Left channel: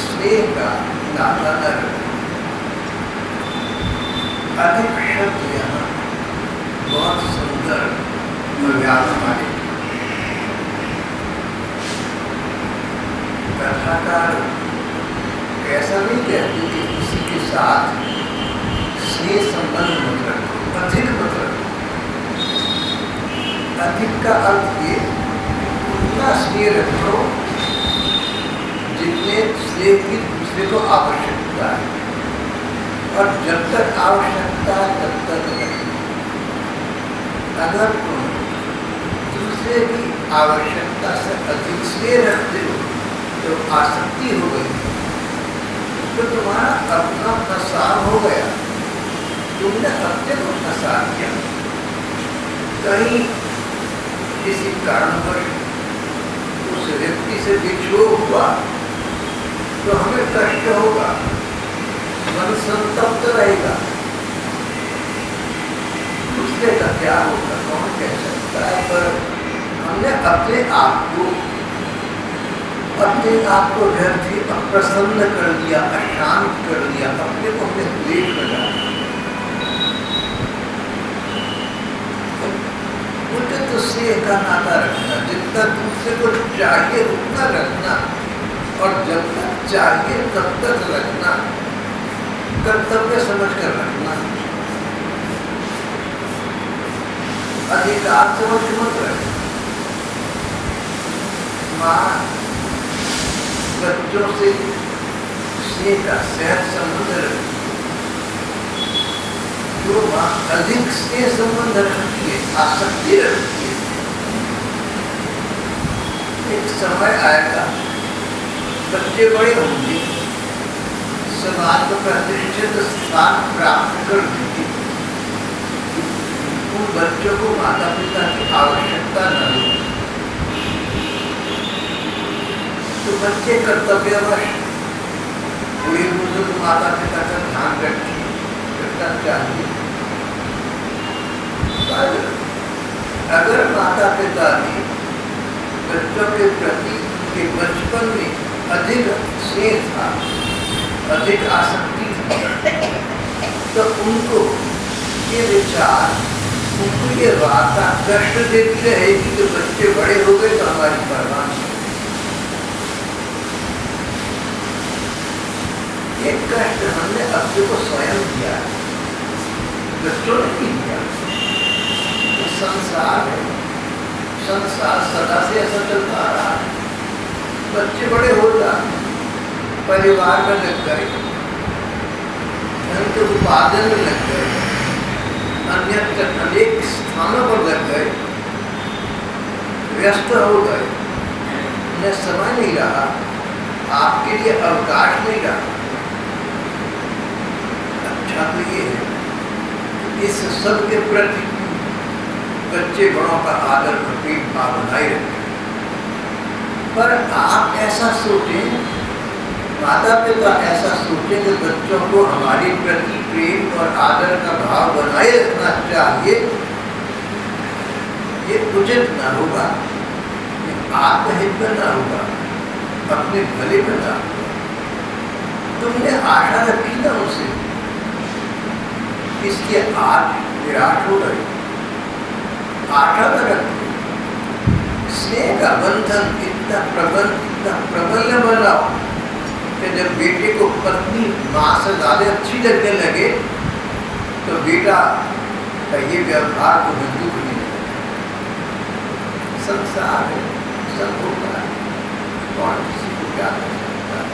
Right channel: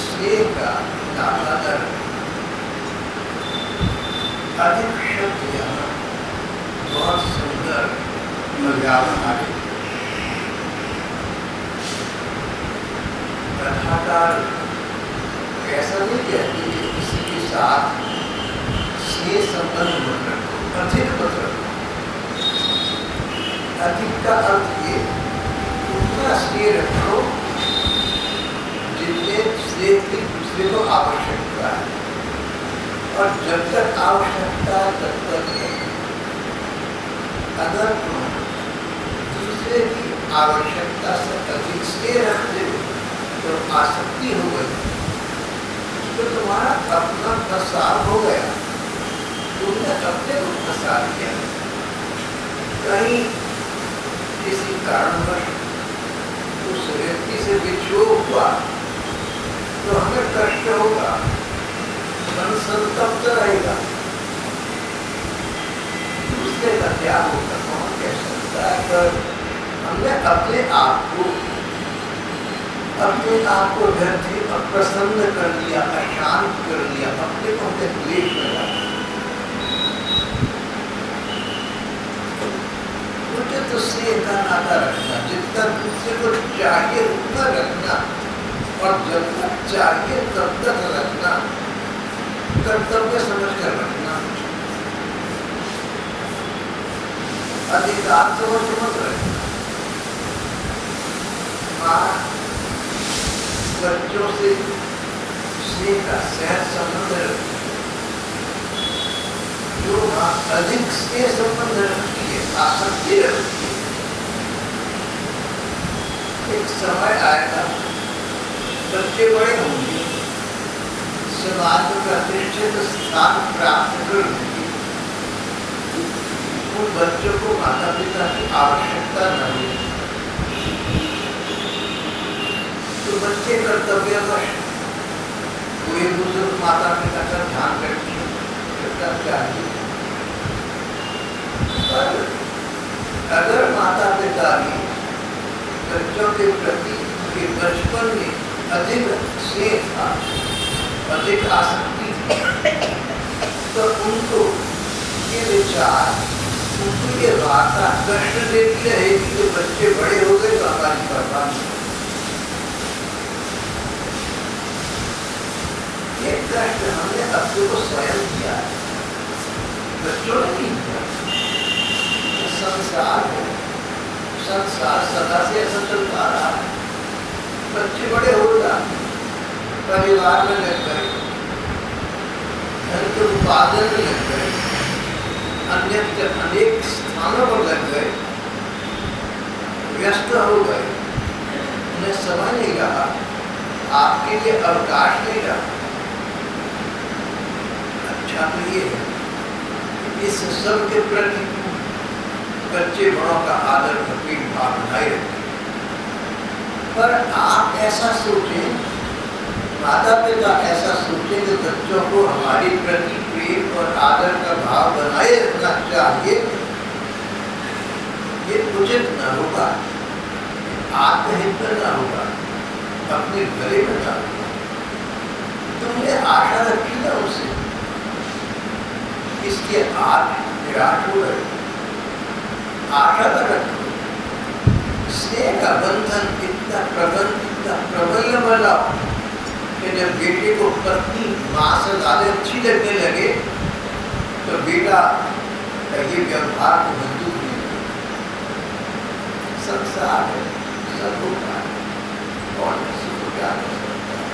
स्नेह का नाता न रहे। अधिक शब्द यहाँ बहुत सुंदर और व्यावहारिक। कथाकार ऐसा नहीं कहते कि किसी के साथ स्नेह संबंध मत रखो, अधिक मत रखो। अधिक का अर्थ ये उतना स्नेह रखो जितने स्नेह की दूसरे को आवश्यकता है, और जब तक आवश्यकता है तब तक रखो। अगर तुम दूसरे की आवश्यकता से अधिक स्नेह रखते हो तो आसक्ति हो गई, तो तुम्हारा अपना प्रसार हो गया, तुमने अपने को फंसा दिया। कहीं किसी कारणवश उस व्यक्ति से विक्षोभ हुआ तो हमें कष्ट होगा, मन संतप्त रहेगा, दूसरे का क्या होगा कौन कह सकता है। पर हमने अपने आप को व्यर्थ ही अप्रसन्न कर दिया, अशांत कर दिया, अपने को हमने द्वेष में डाला। उचित स्नेह का नाता रखना, जितना दूसरे को चाहिए उतना रखना, और जब तक चाहिए तब तक रखना, कर्तव्य समझ कर रखना। अधिकार से वश मत रहे। माँ बच्चों से स्नेह का सहज संबंध रखती है। जो माँ अधिक स्नेह संबंध रखती है, आसक्ति रखती है, एक समय आएगा बच्चे बड़े होंगे, समाज में प्रतिष्ठित स्थान प्राप्त कर लेंगे, उन बच्चों को माता पिता की आवश्यकता न हो तो बच्चे कर्तव्यवश बूढ़े बुजुर्ग माता पिता का ध्यान रखना चाहिए। पर अगर माता पिता ने बच्चों के प्रति के बचपन में अधिक स्नेह था, अधिक आसक्ति थी, तो उनको ये विचार, उनको ये वार्ता कष्ट देती रहेगी कि बच्चे बड़े हो गए तो हमारी परवाह नहीं। ये कष्ट हमने अपने को स्वयं दिया, बच्चों ने नहीं दिया। तो संसार है, संसार सदा से ऐसा चलता रहा है। बच्चे बड़े हो जाते, परिवार में लग गए, धन के उत्पादन में लग गए, अन्यत्र अनेक स्थानों पर लग गए, व्यस्त हो गए, उन्हें समय नहीं रहा, आपके लिए अवकाश नहीं रहा। अच्छा तो ये है, इस सब के प्रति बच्चे बड़ों का आदर और प्रेम भाव बनाए रखें। पर आप ऐसा सोचें, माता पिता ऐसा सोचें कि बच्चों को हमारे प्रति प्रेम और आदर का भाव बनाए रखना चाहिए, ये उचित न होगा, आत्महित में न होगा, अपने भले में न होगा। तुमने आशा रखी ना उनसे, इसलिए आज निराश हो गए। आशा न रखो, स्नेह का बंधन इतना प्रबल बनाओ कि जब बेटे को पत्नी माँ से ज़्यादा अच्छी लगने लगे तो बेटा का ये व्यवहार को दुख नहीं लगे। संसार है, सब होता है, कौन किसी को क्या कर सकता है।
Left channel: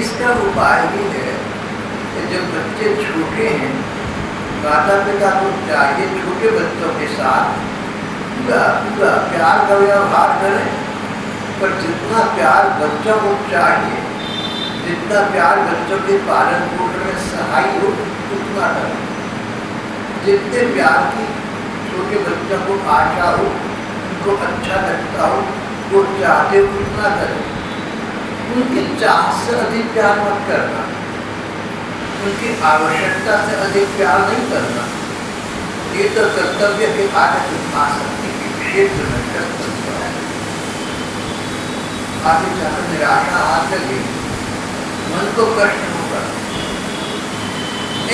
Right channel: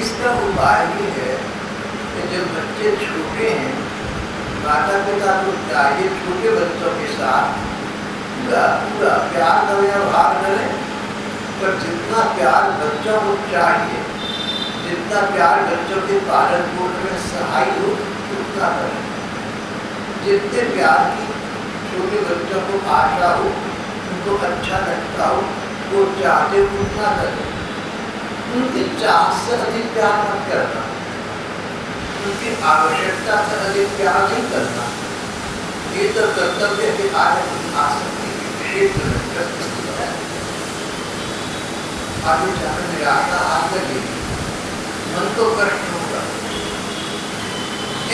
इसका उपाय ये है कि जब बच्चे छोटे हैं, माता पिता को चाहिए छोटे बच्चों के साथ पूरा प्यार का व्यवहार करें, पर जितना प्यार बच्चों को चाहिए, जितना प्यार बच्चों के पालन पोषण में सहाय हो उतना करें। जितने प्यार की छोटे बच्चों को आशा हो, उनको अच्छा लगता हो, वो चाहते उतना करें। उनकी चाह से अधिक प्यार मत करना, उनकी आवश्यकता से अधिक प्यार नहीं करना। ये तो कर्तव्य के आगे आसक्ति के क्षेत्र में कर सकते हैं। आगे जाकर निराशा हाथ लगे, मन को कष्ट होगा।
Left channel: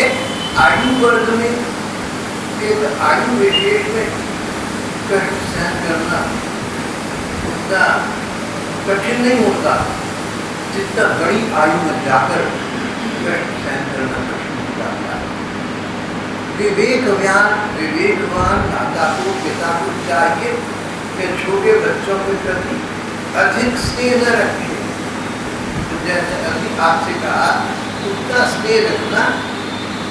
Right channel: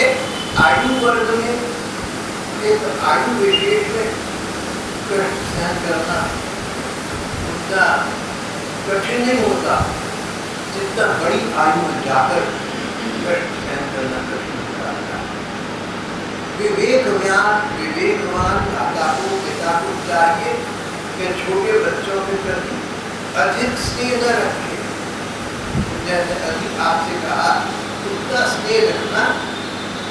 एक आयु वर्ग में, एक आयु विशेष में कष्ट सहन करना उतना कठिन नहीं होता जितना बड़ी आयु में जाकर कष्ट सहन करना कठिन होता है। विवेकवान माता को, पिता को चाहिए कि छोटे बच्चों के प्रति अधिक स्नेह न रखे। जैसे अभी आपसे कहा, उतना स्नेह रखना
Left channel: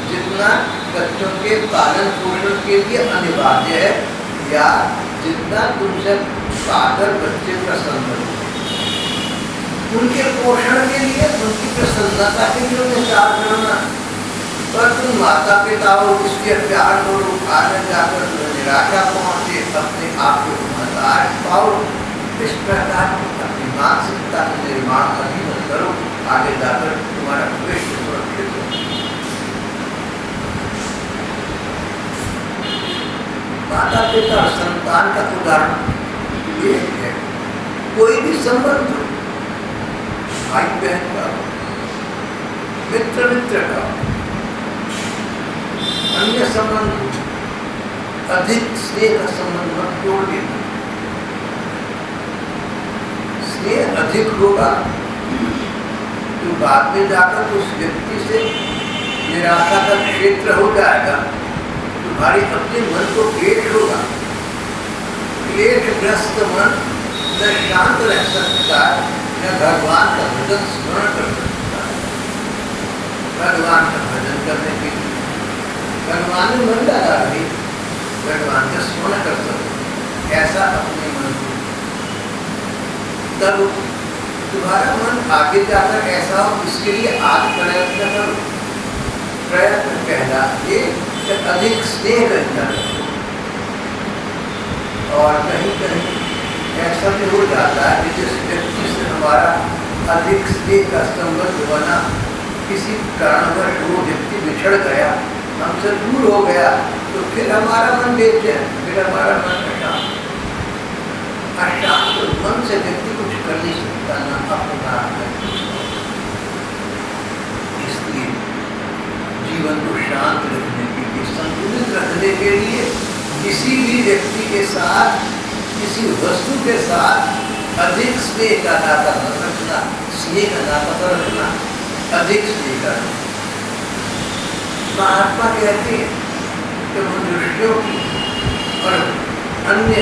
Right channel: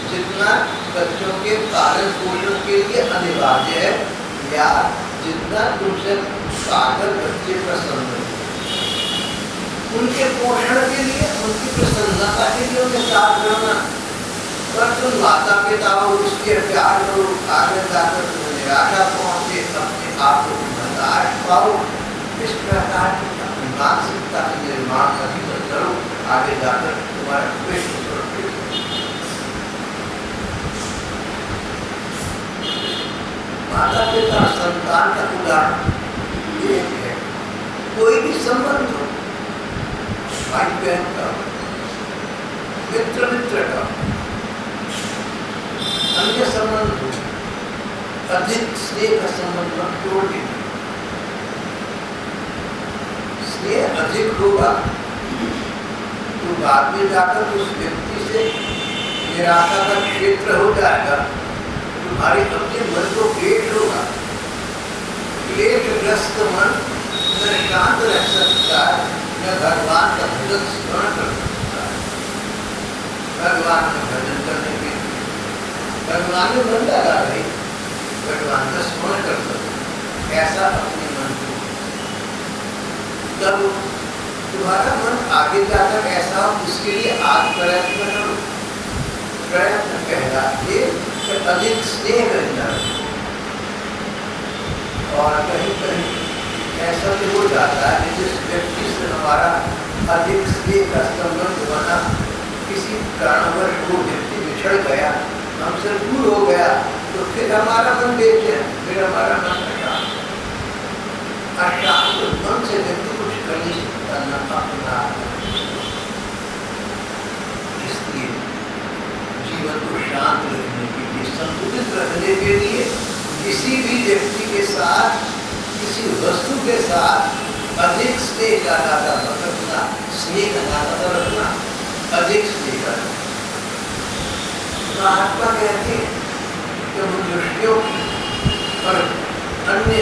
जितना बच्चों के पालन पोषण के लिए अनिवार्य है, या जितना तुमसे पाकर बच्चे प्रसन्न हो। उनके पोषण के लिए, उनकी प्रसन्नता के लिए उन्हें प्यार करना। पर तुम माता पिता हो, इसलिए प्यार करो, आगे जाकर निराशा पहुँचे, अपने आप को हताश पाओ। इस प्रकार की अपनी मानसिकता का निर्माण कभी मत करो, आगे जाकर तुम्हारा भविष्य सुरक्षित हो। माता पिता और संतान का उदाहरण ये है, कोई भी संबंध हो, भाई बहन का, मित्र का, अन्य संबंध हो, अधिक स्नेह का संबंध मत तोड़ देना। स्नेह अधिक होगा तो बाद में जाकर उस व्यक्ति से निराशा का क्षेत्र हो जाएगा। तुम्हारी अपने मन को क्लेश होगा। क्लेशग्रस्त मन न शांत रह सकता है, न भगवान का भजन स्मरण कर सकता है। भगवान का भजन करने के लिए भगवान में मन लगा रही, भगवान का स्मरण कर सकते, ऐसा अपने मन को, तब तुम्हारा मन आगे जाकर ऐसा हो। इसके लिए आज प्रयत्न करो। प्रयत्न पहला ये कि अधिक स्नेह करना। और कहीं कहीं ऐसा भी हो जाता है कि जिस व्यक्ति से हमारा अधिक स्नेह का संबंध बना, किसी कारणवश वो व्यक्ति बिछड़ गया, हमसे दूर हो गया, तो फिर हमारा मन बेचैन, फिर हमारा मन अशांत। अशांत मन से व्यक्ति कुछ कर नहीं सकता, न अपना। इसलिए जीवन को शांत रखने के लिए, संतुलित रखने के लिए, किसी भी व्यक्ति के साथ, किसी वस्तु के साथ अधिक स्नेह का नाता न रखना। स्नेह का नाता रखना, अधिक स्नेह का। महात्मा कहते हैं कि मनुष्यों की और अन्य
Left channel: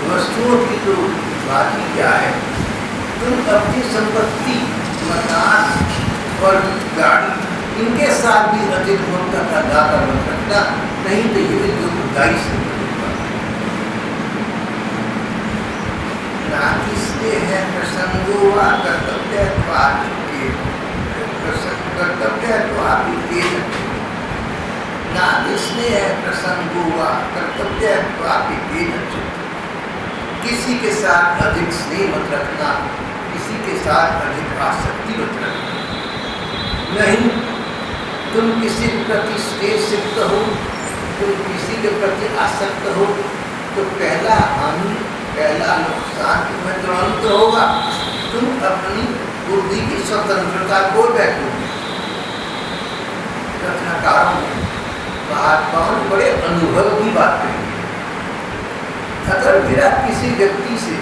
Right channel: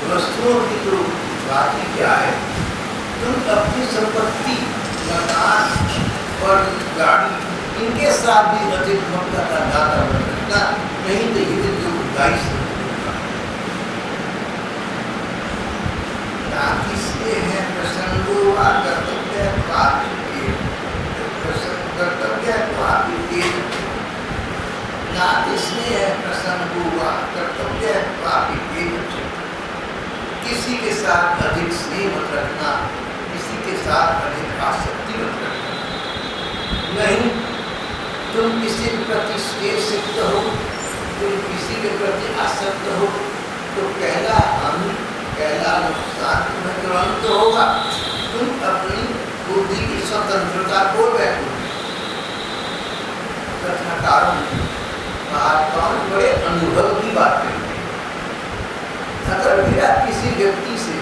वस्तुओं की तो बात ही क्या है, तुम अपनी संपत्ति, मकान और गाड़ी, इनके साथ भी अधिक ममता का नाता मत रखना, नहीं तो ये जो बुराई से नाती स्नेह है प्रसंगो वा कर्तव्य कर्तव्य तो आप ही नाती स्नेह है प्रसंगो वा कर्तव्य तो आप ही। किसी के साथ अधिक स्नेह मत रखना, किसी के साथ अधिक आसक्ति मत रखना। नहीं, तुम किसी के प्रति स्नेह सिक्त हो, तुम किसी के प्रति आसक्त हो, तो पहला हानि, पहला नुकसान तुम्हें तुरंत होगा। तुम अपनी बुद्धि की स्वतंत्रता को बैठोगे। कथाकारों ने, महात्माओं ने बड़े अनुभव की बात कही। अगर मेरा किसी व्यक्ति से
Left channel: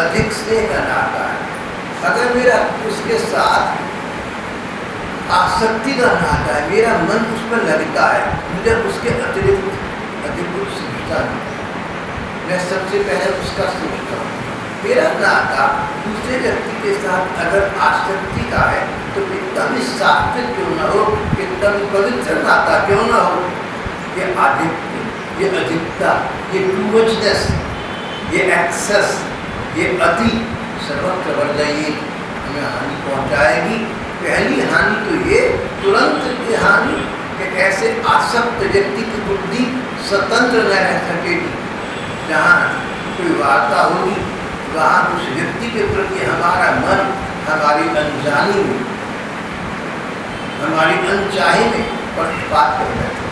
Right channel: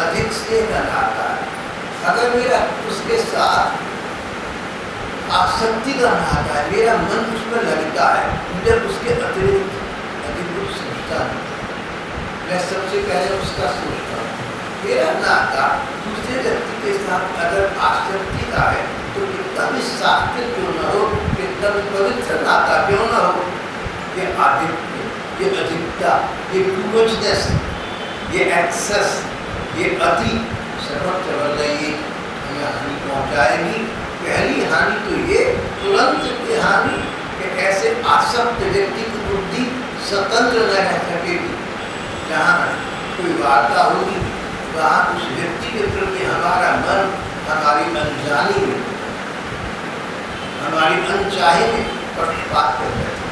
अधिक स्नेह का नाता है, अगर मेरा उसके साथ आसक्ति का नाता है, मेरा मन उस पर लगता है, मुझे उसके अतिरिक्त अधिक कुछ सोचता नहीं, मैं सबसे पहले उसका सोचता हूँ। मेरा नाता दूसरे व्यक्ति के साथ अगर आसक्ति का है, तो कितना भी सात्विक क्यों न हो, कितना भी पवित्र नाता क्यों न हो, ये आधिक्य, ये अधिकता, ये टू मचनेस, ये एक्सेस, ये अति सर्वत्र वर्धयी हमें हानि पहुंचाएगी। पहली हानि तो ये, तुरंत की हानि, कि ऐसे आसक्त व्यक्ति की बुद्धि स्वतंत्र न रह सकेगी। जहाँ कोई वार्ता होगी, वहाँ उस व्यक्ति के प्रति हमारा मन हमारी अनजानी में, हमारी अनचाहे में पक्षपात कर बैठे।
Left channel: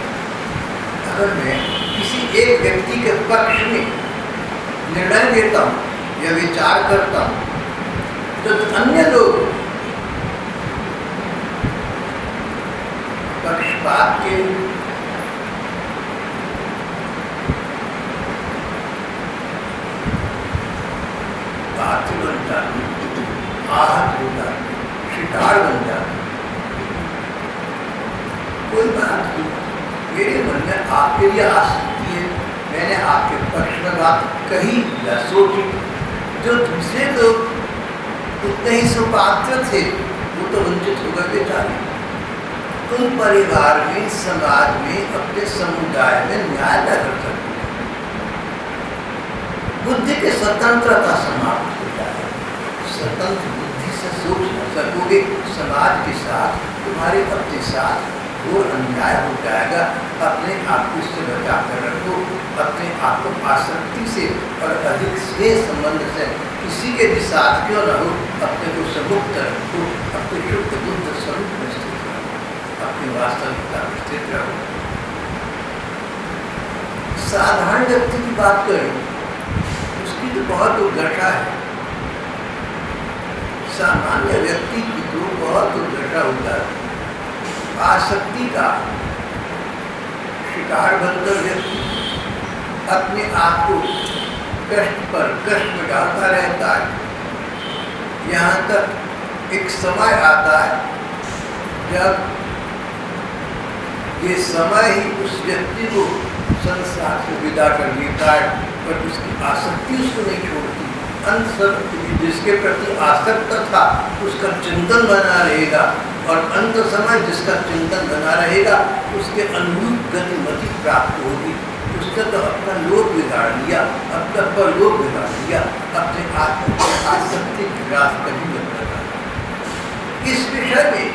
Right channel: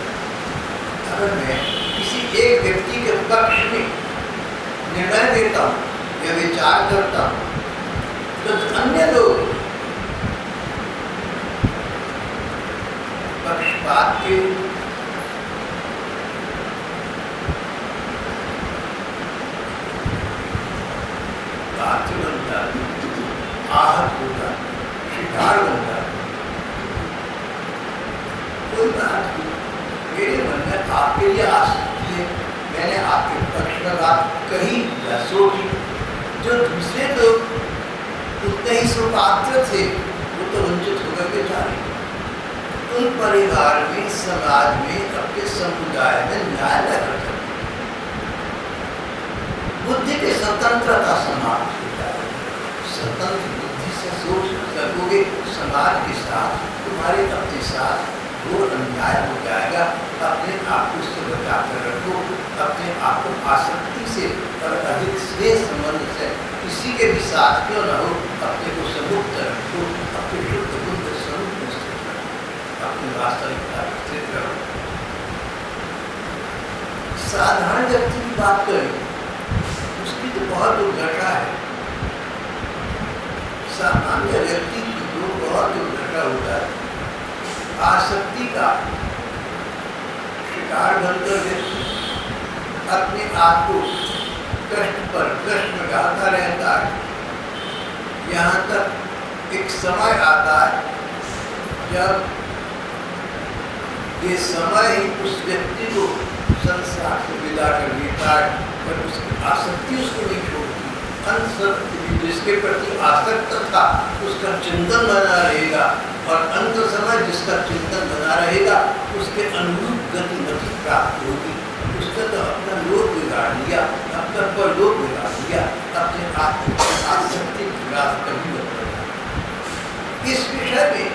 अगर मैं किसी एक व्यक्ति के पक्ष में निर्णय देता हूँ या विचार करता हूँ, तो अन्य लोग पक्षपात के पात्र बन जाते, आहत हो जाते, शिकार बन जाते। कोई बात नहीं, मेरे मन में आपके लिए आ सकती है, मैंने आपके पक्ष में बात कही या सोची। जो दूसरे लोग उतने ही सुपात्र थे वो तो वंचित हो गए बेचारे। उन परिवार में, समाज में, अपने समुदाय में न्याय न कर सकते। बुद्धि की स्वतंत्रता समाप्त हो जाए। स्वतंत्र बुद्धि से सोच न सकोगे, समाज के साथ, तुम्हारे अपने साथ घोर अन्याय हो जाएगा। अपने आप को इससे बचा कर रखो। अपने आप को आसक्ति से और अधिक स्नेह संबंध से किसी के भी साथ क्यों न हो, अपने को समुक्त रखो। अपने शुद्ध बुद्ध स्वरूप में स्थित रहो, अपनी वास्तविकता में स्थित रहो। साधारण व्यक्ति की बात करें, उसकी तो बहुत दुर्दशा है। सामान्य व्यक्ति की तो बहुत दुर्दशा हो जाती। आसक्ति का शिकार बनकर व्यक्ति अपने आप को कष्ट पर कष्ट में डालता रहता है। यहाँ तक एक समय आता है जब ये समय ही उस व्यक्ति को संसार से विदा कर देता है, पर उसकी आसक्ति उसको नहीं छोड़ती। अंत जिसके प्रति आसक्त था उसका चिंतन बना रहेगा, और अंत समय जिसका चिंतन बना रहेगा उसके अनुरूप गतिमति प्राप्त होगी। उसने तो अपना लोक बिगाड़ लिया, अपना परलोक बिगाड़ लिया, अपने आत्म की आसक्ति की रास कभी मत करना। इस विषय में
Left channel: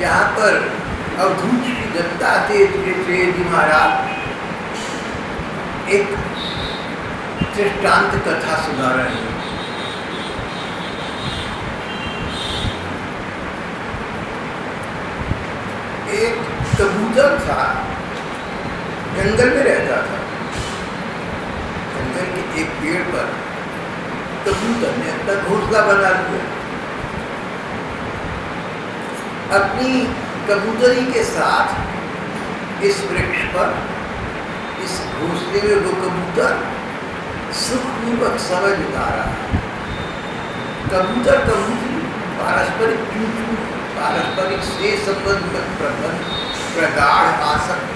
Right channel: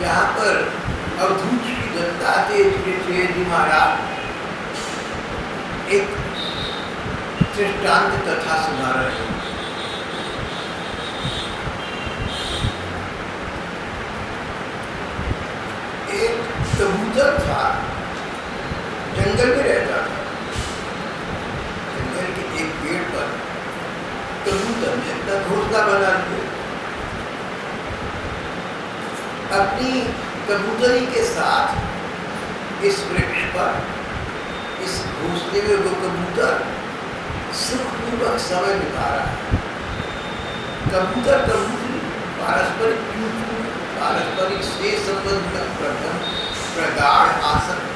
यहाँ पर अवधूत श्री दत्तात्रेय जी महाराज एक दृष्टांत कथा सुना रहे हैं। एक कबूतर था, जंगल में रहता था। जंगल के एक पेड़ पर कबूतर ने अपना घोंसला बना लिया। अपनी कबूतरी के साथ इस वृक्ष पर, इस घोंसले में वो कबूतर सुखपूर्वक समय बिता रहा है। कबूतर कबूतरी पारस्परिक चूचू, पारस्परिक स्नेह संबंध में प्रगाढ़ आसक्त।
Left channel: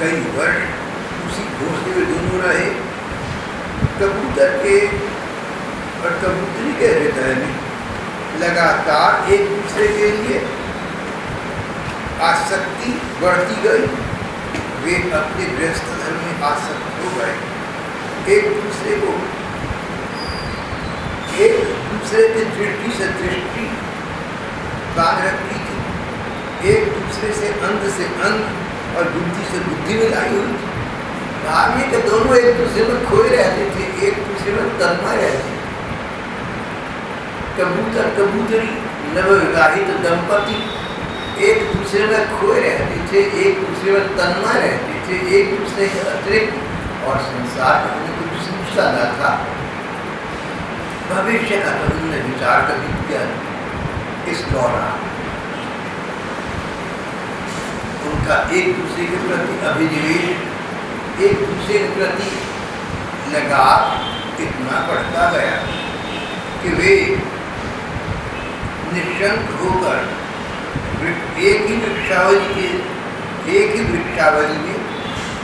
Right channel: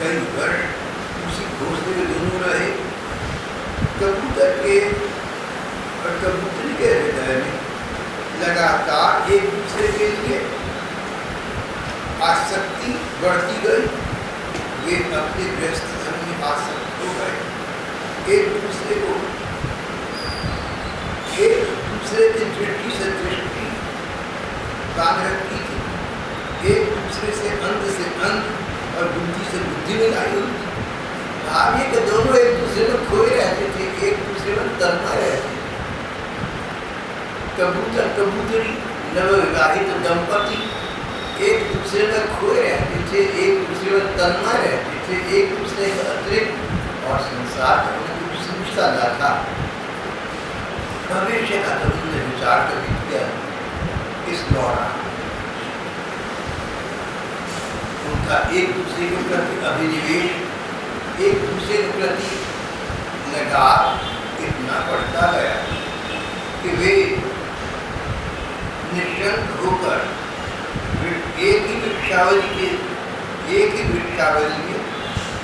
कई वर्ष उसी घोंसले में दोनों रहे। कबूतर के और कबूतरी के हृदय में लगातार एक दूसरे के लिए आसक्ति बढ़ती गई। वे अपने गृहस्थ धर्म में आसक्त हो गए। एक दूसरे को, एक दूसरे की दृष्टि से दृष्टि बांध रखी थी। एक दूसरे से अंग और बुद्धि से बुद्धि मिलाई हुई थी। भाग्य के दोनों एक दूसरे में खोए रहते थे, एक दूसरे में तन्मय रहते थे। कबूतर कबूतरी नवविवाहित दंपति एक दूसरे में खोए रहते थे, एक दूसरे में तन्मय रहते थे, एक दूसरे के अतिरिक्त और संसार का उन्हें कुछ समझता न था। भविष्य का तो उन्होंने विचार कभी किया इस दौरान। उनका एक दूसरे के प्रति अभिनिवेश, एक दूसरे के प्रति लगाव इतना बढ़ता गया कि वे निशंक होकर एक ही वृक्षावली में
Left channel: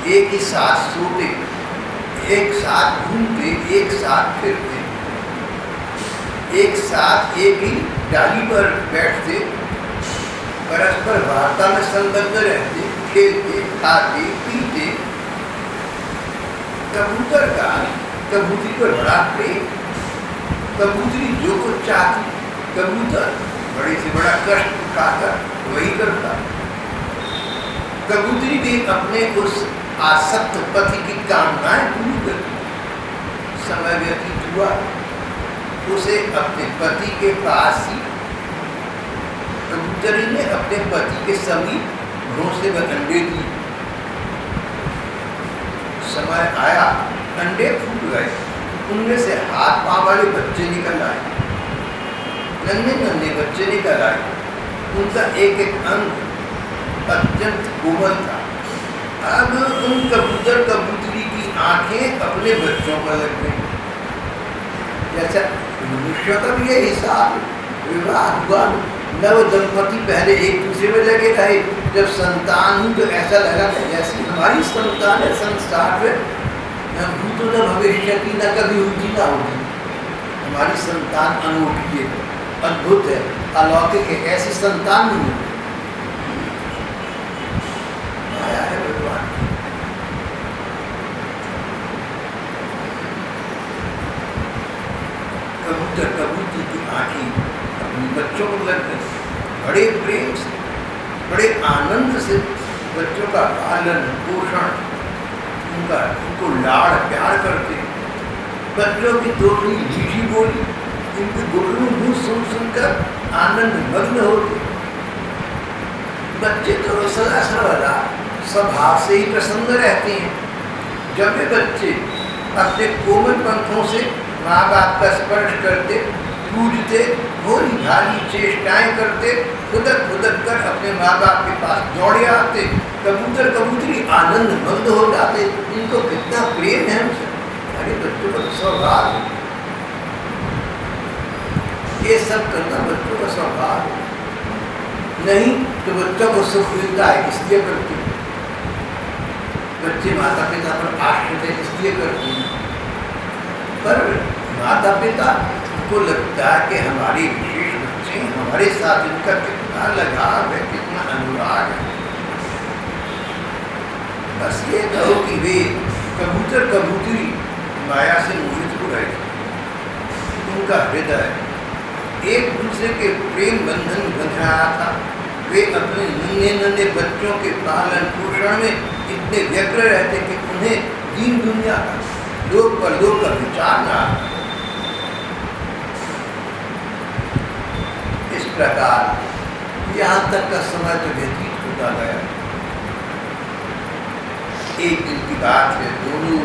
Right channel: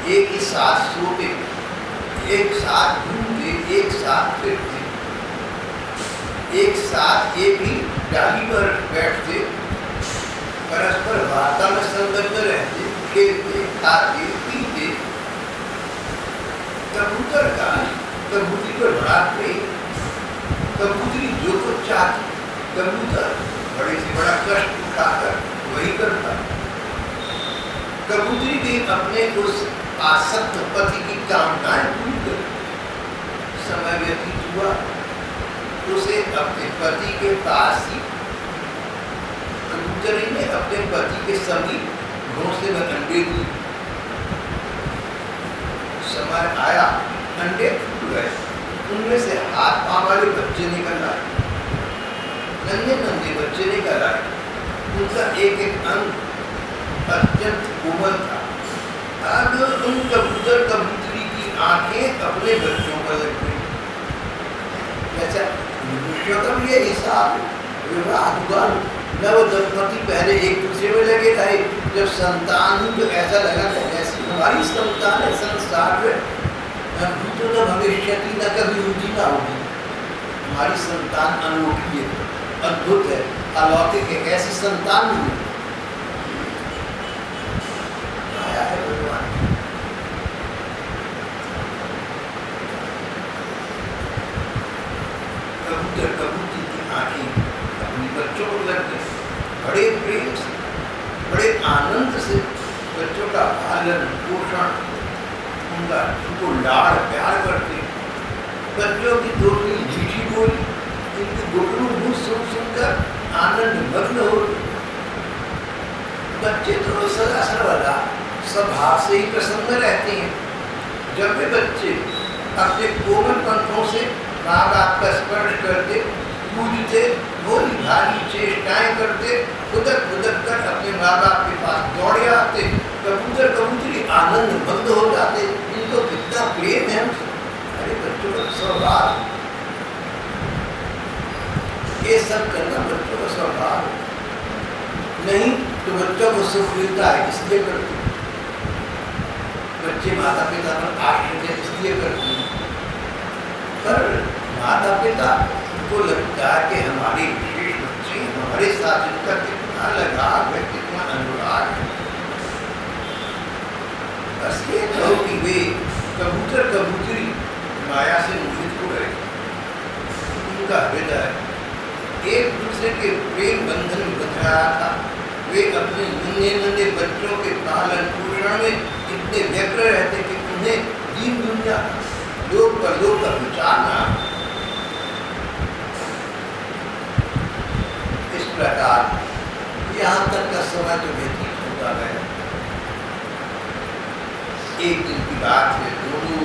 एक ही साथ सोते, एक साथ घूमते, एक साथ फिरते, एक साथ एक ही डाली पर बैठते, परस्पर वार्ता में संलग्न रहते, खेलते, खाते, पीते। कबूतर का कबूतरी पर बड़ा प्रेम। कबूतरी जो कुछ चाहती, कबूतर बड़े से बड़ा कष्ट उठाकर वही करता। कबूतरी भी अपने उस आसक्त पति की कामनाएं पूरी करती। समय व्यतीत हुआ, उसे अपने पति के पास ही कबूतरी ने अपने पति के समीप घोंसले में अंडे दी। समय आया, अंडे फूट गए। उनमें से हाथ पांव वाले बच्चे निकल आए, नन्हे नन्हे बच्चे निकल आए। उनका एक एक अंग अत्यंत कोमल था। अब उन कबूतर कबूतरी की आंखें अपने बच्चों पर लग गई। जैसा मनुष्य का भी ये हिसाब, विवाह हुआ, नव दंपति पहले एक दूसरे में लगे रहे, जब संतान हुई तो ऐसा लगा कि जैसी हमारी संतान है संसार में, न भूतो न भविष्यति, न कभी होगी ना होगी। हमारी संतान अनूठी है, अद्भुत है, अलौकिक है, ऐसी संतान नहीं है। माया है भगवान। कबूतर कबूतरी की आंखें अपने बच्चों को लग गई। बड़े प्रेम से, बड़े आनंद से बच्चों का पालन पोषण, उनको लाड़ प्यार करते। बच्चों की थोड़ी मीठी बोली, इनकी गुटरू मुँह सुन सुनकर आनंद मग्न होते। बच्चे तो सदा सर्वदा स्वभाव से ही प्रसन्न रहते हैं। जब वे बच्चे अपने कोमल पंखों से माँ बाप का स्पर्श करते, पूजते, भोली भाली चेष्टाएं करते, खुदक खुदक कर अपने माँ बाप के पास दौड़े आते, कबूतर कबूतरी आनंद मग्न हो जाते। इनको कितना प्रेम है हमसे। अरे बच्चों का स्वभाव, ये सब करना बच्चों का स्वभाव नहीं तो बच्चों को सुख मिलता है इसलिए करते। बच्चे माता पिता पर आश्रित है इसलिए करते हैं, पर माता पिता को लगता है कि हमारी विशेष बच्चे हमारे साथ इनका कितना लगाव है, कितना अनुराग है। बस ये कहो कि वे कबूतर कबूतरी माया से मोहित हो रहे थे। उनका हृदय एक दूसरे के प्रेम बंधन बंध रहा था। वे अपने नन्हे नन्हे बच्चों के पालन पोषण में इतने व्यग्र रहते कि उन्हें दीन दुनिया का, लोक परलोक का विचार न आता। इस प्रकार यहाँ तक का समय तो व्यतीत होता गया। एक दिन की बात है, दोनों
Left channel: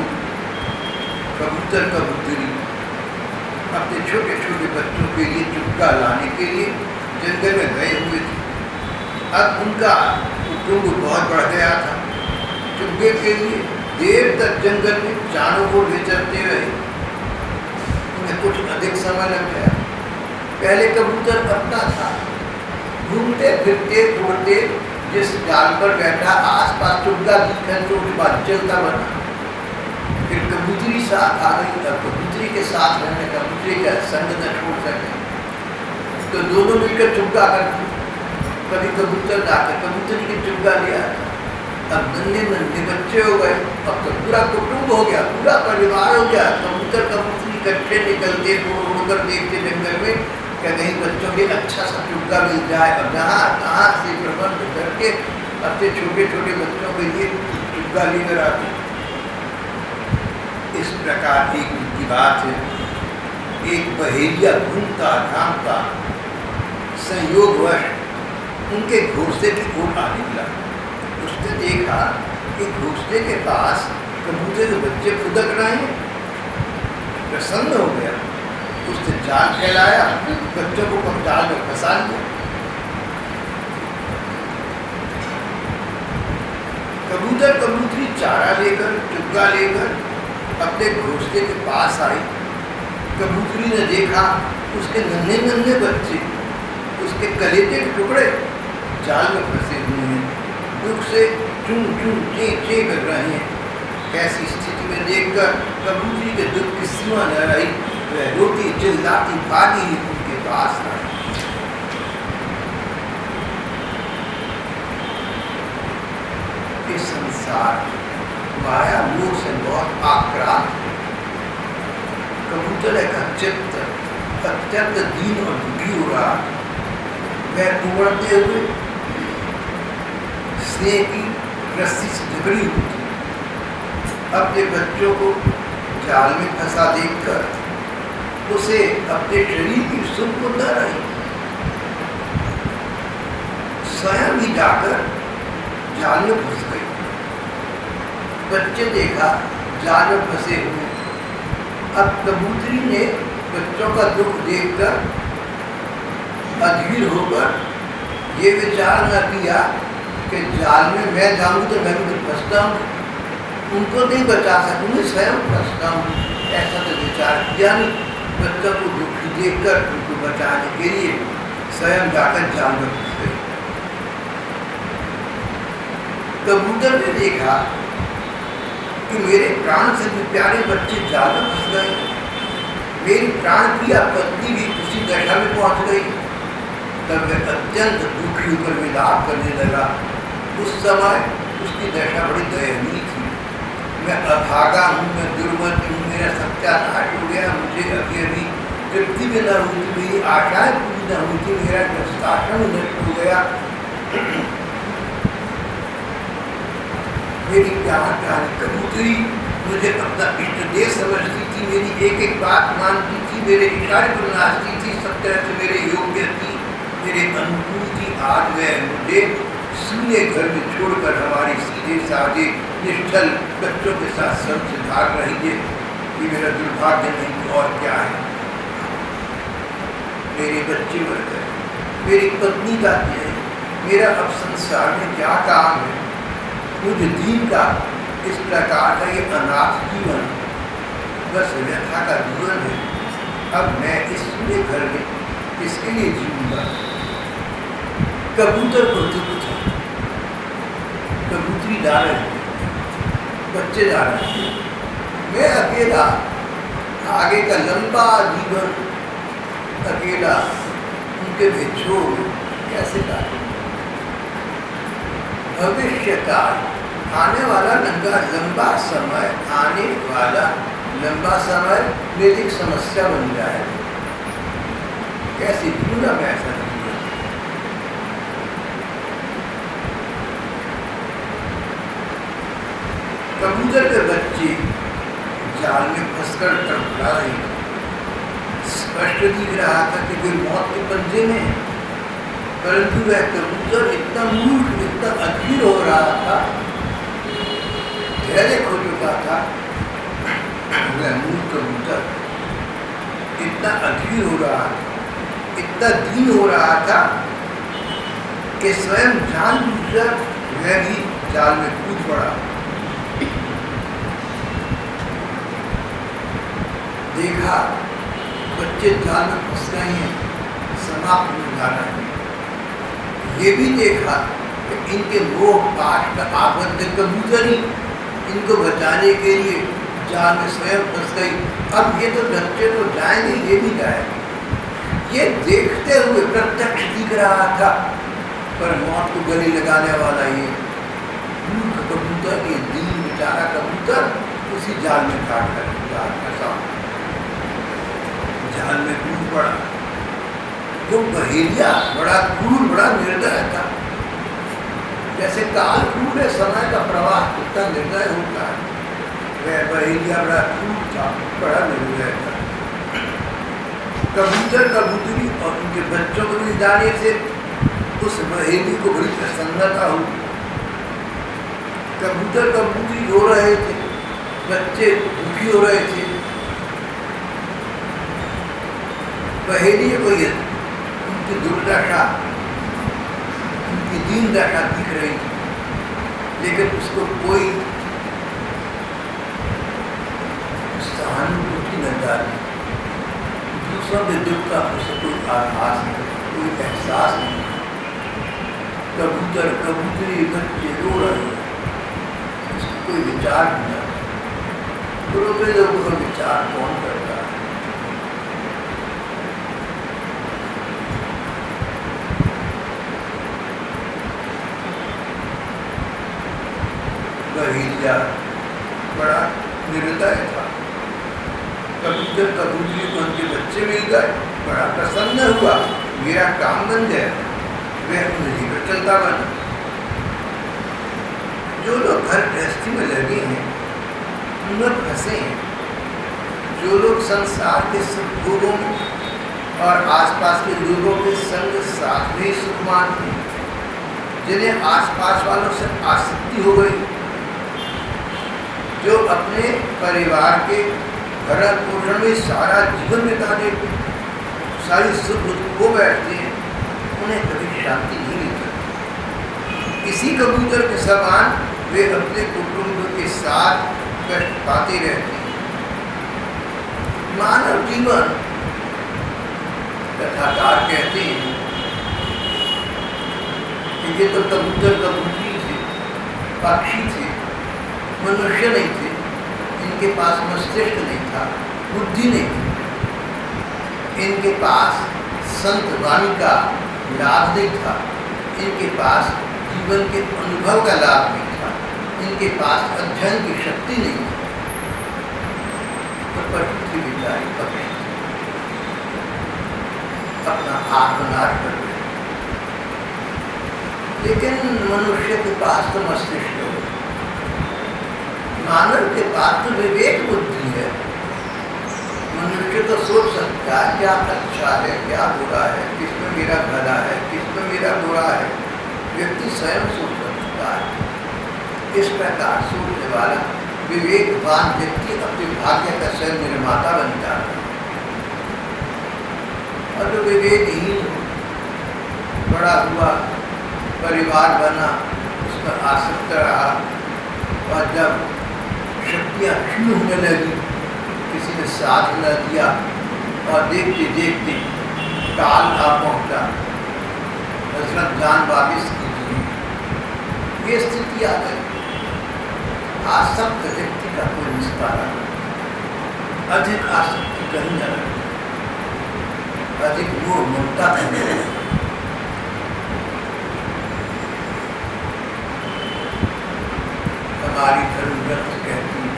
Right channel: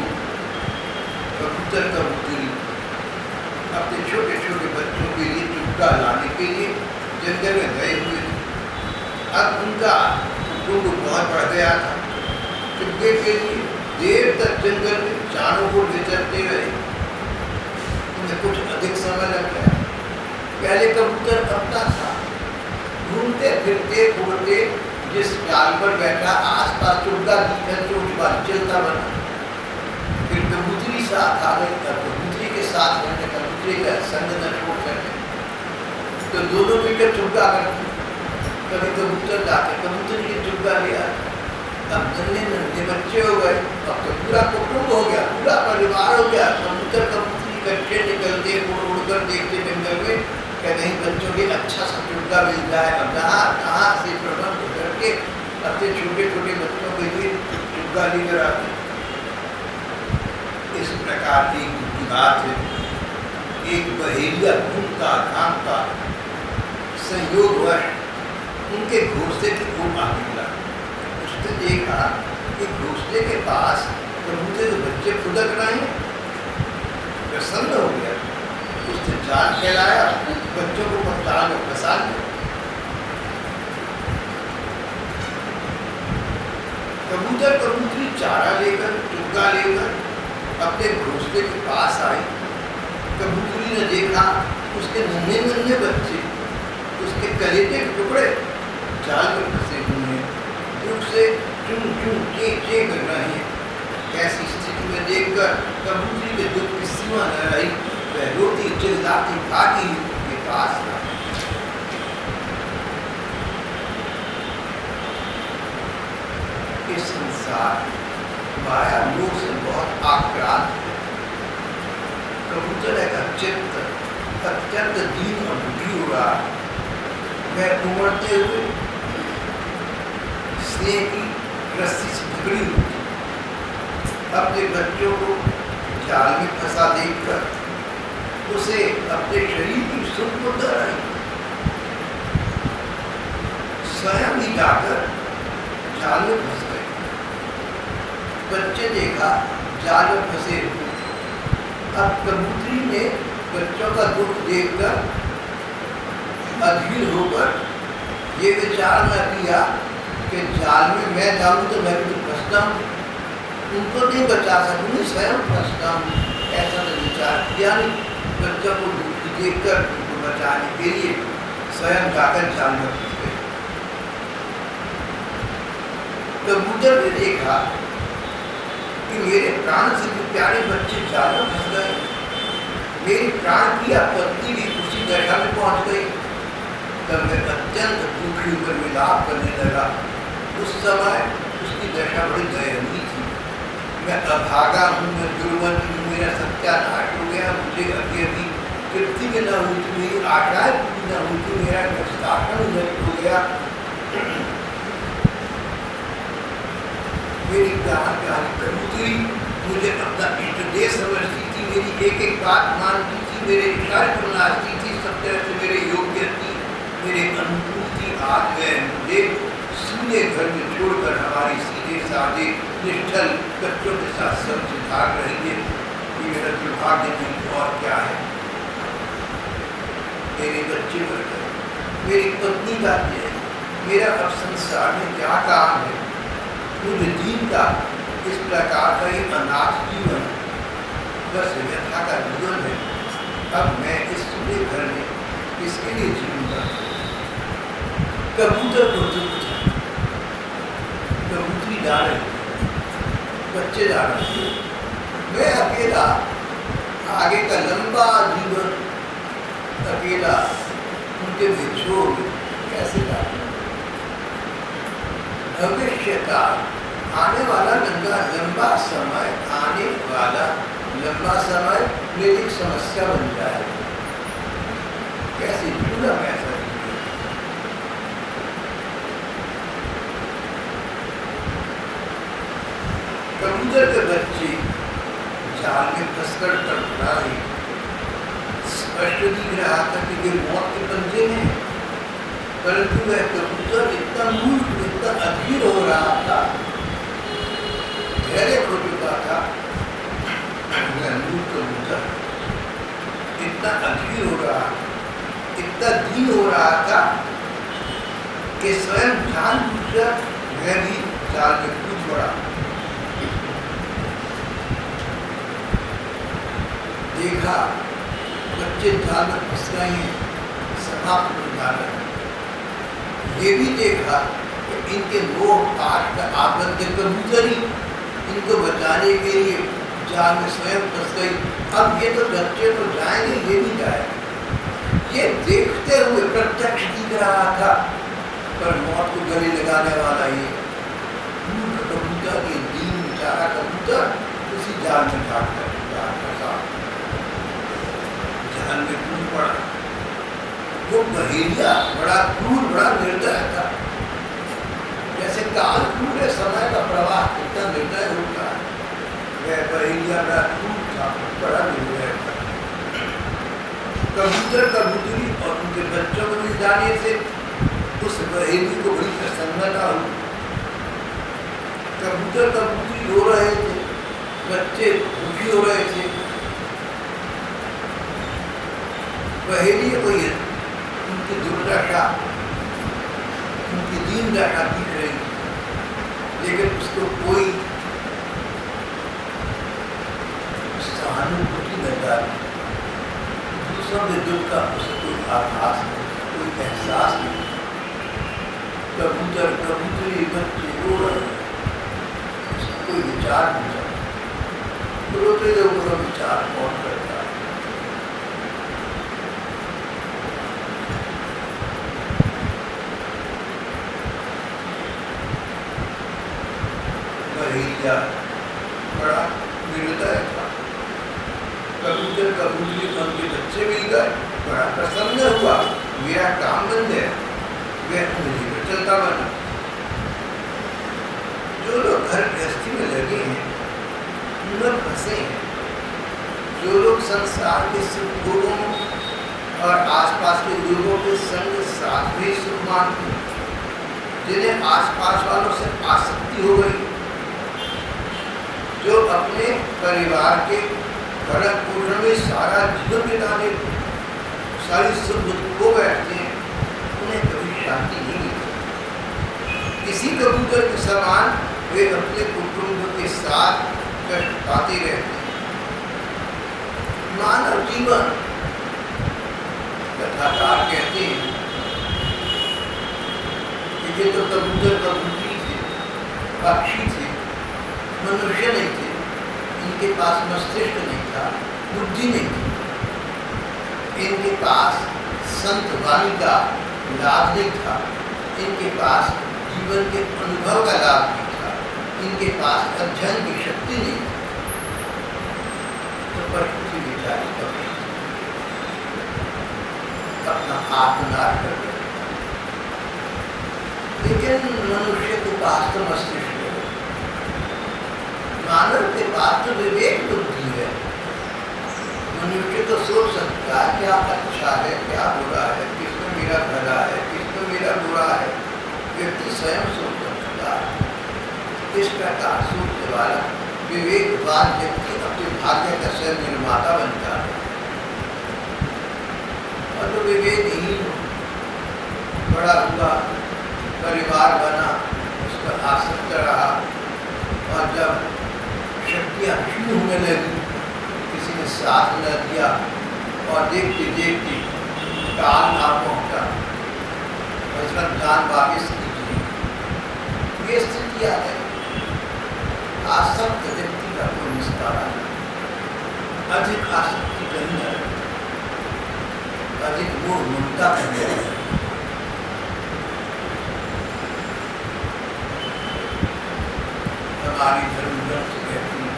कबूतर कबूतरी अपने छोटे छोटे बच्चों के लिए चुग्गा लाने के लिए जंगल में गए हुए थे। अब उनका कुटुंब बहुत बढ़ गया था। चुग्गे के लिए देर तक जंगल में चारों ओर विचरते रहे। उन्हें कुछ अधिक समय लग गया। पहले कबूतर अपना था, घूमते फिरते उड़ते, जिस डाल पर बैठा आसपास चुग्गा दिखकर चोट बाज चलता बना। फिर कबूतरी साथ आ गई। अब कबूतरी के साथ रहने, कबूतरी का संग न छोड़ सके तो दोनों मिलकर चुग्गा करते। कभी कबूतर जाकर कबूतरी की चुग्गा लिया। अब नन्हे नन्हे बच्चे हो गए, अब तो पूरा कुटुंब हो गया, पूरा परिवार हो गया। कबूतर कबूतरी इकट्ठे निकलते, उड़ उड़ कर देखते जंगल में क्या कहीं बच्चों के अच्छा सा चुग्गा मिल जाए। और जहाँ तहाँ से प्रबंध करके अपने छोटे छोटे बच्चों के लिए चुग्गा लेकर आते। इस प्रकार एक की बात है, एक बहेलिया घूमता घामता संयोगवश उनके घोंसले की ओर आ निकला। उसने देखा कि घोंसले के पास कबूतर के बच्चे खुदक रहे हैं। प्रसन्न हो गया। उसने जाल फैलाया, बच्चों को जाल में फंसा लिया। कबूतर कबूतरी चारा लेकर, चुग्गा लेकर अपने घोंसले के पास आई। कबूतरी ने देखा उसके नन्हे नन्हे बच्चे, उसके कलेजे के टुकड़े जाल में फंसे हुए हैं, दुख से चूं चूं चे चे कर रहे हैं। ऐसी स्थिति में देखकर कबूतरी के दुख की सीमा न रही। वह रोती चिल्लाती भागी उनके पास आई। इस संसार माया लोग से बहुत आक्रांत। कबूतर का चित्त अत्यंत दीन और दुखी हो रहा। वह उमड़ते हुए स्नेह की रस्सी से झगड़ी हुई थी। अपने बच्चों को जाल में फंसा देखकर उसे अपने शरीर की सुख को डर आई। स्वयं ही जाकर जाल में फंस गए। बच्चे देखा जाल में फंसे हुए, अब कबूतरी ने बच्चों का दुख देखकर अधीर होकर ये विचार न किया कि जाल में मैं जाऊँ तो मैं भी फंस जाऊँ, उनको नहीं बचा सकूँगी, स्वयं फंस जाऊँ। ऐसा तो विचार किया नहीं। बच्चों को दुखी देखकर उनको बचाने के लिए स्वयं जाकर जाल में फंस गई। कबूतर ने देखा कि मेरे प्राण से भी प्यारे बच्चे जाल में फंस गए, मेरी प्राण की पत्नी भी उसी दशा में पहुंच गई। तब वह अत्यंत दुखी होकर विलाप करने लगा। उस समय उसकी दशा बड़ी दयनीय थी। मैं अभागा हूँ, मैं दुर्मति हूँ, मेरा सत्यानाश हो गया, मुझे अभी अभी तृप्ति भी न हुई थी, मेरी आशाएं पूरी न हुई थी, मेरा गृहस्थाश्रम नष्ट हो गया, मेरी प्यारी कबूतरी मुझे अपना इष्ट देह समझती थी, मेरी एक एक बात मानती थी, मेरे इशारे पर नाचती थी, सब तरह से मेरे योग्य थी, मेरे अनुकूल थी। आज वह मुझे सूने घर में छोड़कर हमारी सीधे साधे निष्ठल बच्चों के साथ सब सुधार रही है। ये मेरा दुर्भाग्य नहीं और क्या है। मेरे बच्चे मर गए, मेरी पत्नी जाती है, मेरा अब संसार में क्या काम है। मुझे दीन का इस प्रकार का ये अनाथ जीवन बस व्यथा का जीवन है। अब मैं इस सूने घर में किसके लिए जीऊंगा। कबूतर को दुख था, कबूतरी जा रही है, बच्चे जा रहे हैं, मैं अकेला आगे का लंबा जीवन अकेला उनके बिछोड़ कैसे काटूं। भविष्य काल आने वाला लंबा समय, आने वाला लंबा समय मेरी एक समस्या बन जाएगा। कैसे जीऊंगा मैं ऐसा जीवन। कबूतर के बच्चे जाल में फंसकर तड़पड़ा रहे थे। स्पष्ट दिख रहा था कि वे मौत के पंजे में, परंतु वह कबूतर इतना मूर्ख, इतना अधीर हो रहा था, धैर्य खो चुका था। वह मूर्ख कबूतर इतना अधीर हो रहा था, इतना दीन हो रहा था कि स्वयं जानबूझकर वह भी जाल में कूद पड़ा। देखा बच्चे जाल में फंस गए हैं, समाप्त हो जा रहे हैं। ये भी देखा कि इनके मोह पाश का आबद्ध कबूतरी इनको बचाने के लिए जाल में स्वयं फंस गई। अब ये तो बच्चे तो जाएंगे, ये भी जाएंगे। ये देखते हुए प्रत्यक्ष दिख रहा था, पर मौत को गले लगाने वाला ये मूर्ख कबूतर, ये दीन बेचारा कबूतर उसी जाल में घाट कर फंसा, जाल में कूद पड़ा। वो बहेलिया बड़ा क्रूर, बड़ा निर्दय था। जैसे काल क्रूर है, समय का प्रवाह कितना निर्दय होता है, वह बहेलिया बड़ा क्रूर था, बड़ा निर्दय था। कबूतर कबूतरी और उनके बच्चों को मिल जाने से उस बहेली को बड़ी प्रसन्नता हुई। कबूतर कबूतरी रो रहे थे, बच्चे दुखी हो रहे थे। बहेली को ये उनकी दुर्दशा, उनकी दीन दशा दिख रही थी, लेकिन उसको कोई सहानुभूति न डाली। दूसरों के दुख का उसे कोई आभास नहीं, कोई एहसास नहीं। कबूतर कबूतरी बच्चे रो रहे हैं, उसको कोई विचार नहीं। रोते लोगों का विचार कौन करता है। बहेलिया बड़ा निर्दय था। कबूतर कबूतरी को उनके बच्चे मिल गए, बड़ा प्रसन्न हुआ, मेरा काम बन गया, वह उंगली पर चलता बना। जो लोग घर गृहस्थी में लगे हैं उनमें फंसे हैं, जो लोग संसार के सुख भोगों में और आसपास के लोगों के संग साथ में सुख मानते हैं, जिन्हें आसपास वालों से आसक्ति हो गई, जो अपने परिवार के भरण पोषण में सारा जीवन बिता देते, सारी सुख खो बैठते हैं, उन्हें कभी शांति नहीं मिलती। इसी कबूतर के समान वे अपने कुटुंब के साथ कष्ट पाते रहते हैं। मानव जीवन, कथाकार कहते हैं कि ये तो कबूतर कबूतरी थे, पक्षी थे, मनुष्य नहीं थे। इनके पास मस्तिष्क नहीं था, बुद्धि नहीं थी, इनके पास संत वाणी का लाभ नहीं था, इनके पास जीवन के अनुभव का लाभ नहीं था, इनके पास अध्ययन की शक्ति नहीं थी। तो पशु थी बेचारी, पक्षी थी, अपना आत्मनाश कर रहे। लेकिन मनुष्य के पास तो मस्तिष्क है, मानव के पास तो विवेक बुद्धि है। मनुष्य तो सोच सकता है क्या अच्छा है, क्या बुरा है, किसमें मेरा भला है, किसमें मेरा बुरा है। व्यक्ति स्वयं सोच सकता है। इस प्रकार सोचने वाला विवेकवान व्यक्ति अपने भाग्य का स्वयं निर्माता बन जाता है। और जो विवेकहीन बड़ा हुआ, परिवार बना, उस पर आसक्त रहा, और जब शक्तियाँ क्षीण होने लगी, किसी ने साथ न दिया, और देखते देखते काल आ पहुँचा, हजरत जान वापिस कीजिए, ये स्थिति आ गई। आसक्त व्यक्ति का कोई निस्तारा नहीं, अधिक आसक्ति कहीं न रहती, अधिक मोह ममता नहीं रहती। हमारी धर्म ग्रंथ कहती है,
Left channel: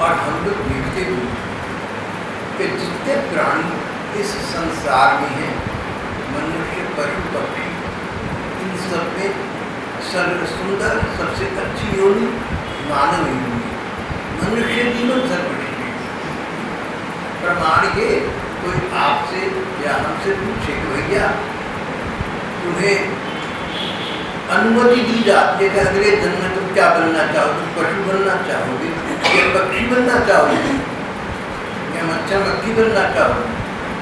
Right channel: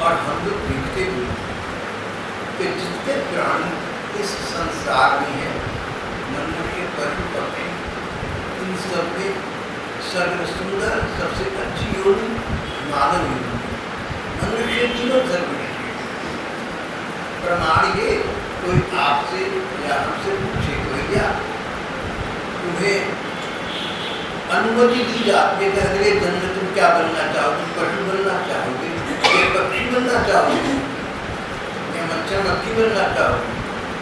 और हम लोग देखते हुए कि जितने प्राणी इस संसार में हैं, मनुष्य, पशु, पक्षी, इन सब में सर्व सुंदर, सबसे अच्छी योनि मानव योनि है। मनुष्य जीवन सर्वश्रेष्ठ। प्रमाण ये, कोई आपसे या हमसे पूछे कि भैया तुम्हें अनुमति दी जाती है कि अगले जन्म में तुम क्या बनना चाहोगे, तुम पशु बनना चाहोगे या पक्षी बनना चाहोगे, या मच्छर मक्खी बनना चाहोगे,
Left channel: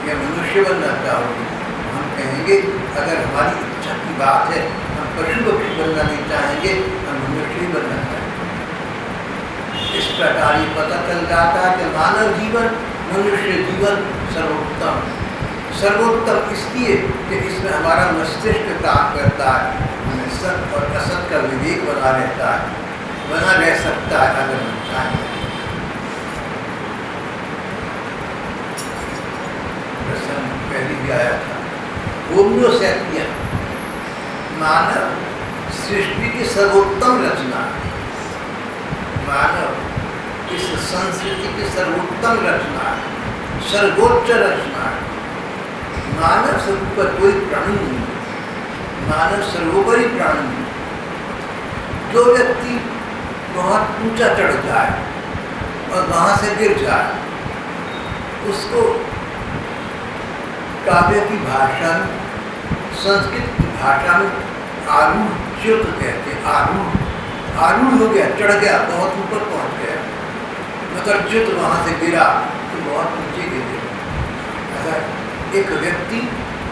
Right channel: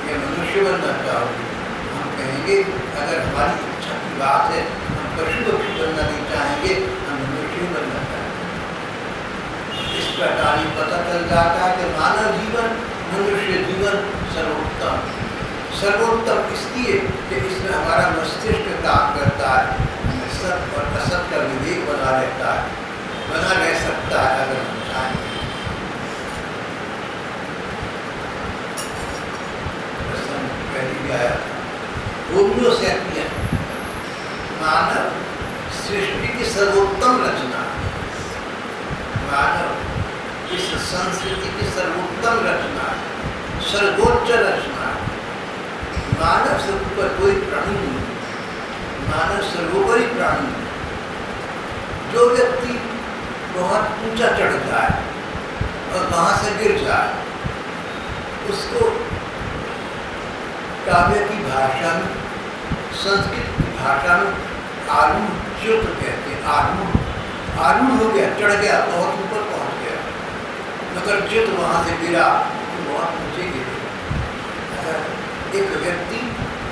या मनुष्य बनना चाहोगे। हम कहेंगे अगर हमारी इच्छा की बात है, हम पशु पक्षी बनना नहीं चाहेंगे, हम मनुष्य ही बनना चाहेंगे। इस प्रकार ये पता चल जाता है कि मानव जीवन, मनुष्य जीवन सर्वोत्तम। सर्वोत्तम इसलिए कि इसमें हमारा मस्तिष्क काम करता है, हमें सत्य और असत का विवेक बना रहता है, बना रह सकता है अगर हम चाहें। प्रसंग पहले भी आया था, होमो सैपियन, मानव सृष्टि की सर्वोत्तम रचना है। मानव इस संस्कृति की सर्वोत्तम रचना है, सर्वोच्च रचना है। मानव से ऊपर कोई प्राणी नहीं, मानव सर्वोपरि प्राणी। जो व्यक्ति बहुत ऊंचा चढ़ जाए और वहाँ से गिर जाए, उसको काव्य की भाषा में, संस्कृत की भाषा में आरूढ़ कहते हैं। आरूढ़ हो गया, चढ़ गया, बहुत ऊपर पहुँच गया, मगर च्युत वहाँ से गिरा तो बहुत नीचे गिरे। अगर एक व्यक्ति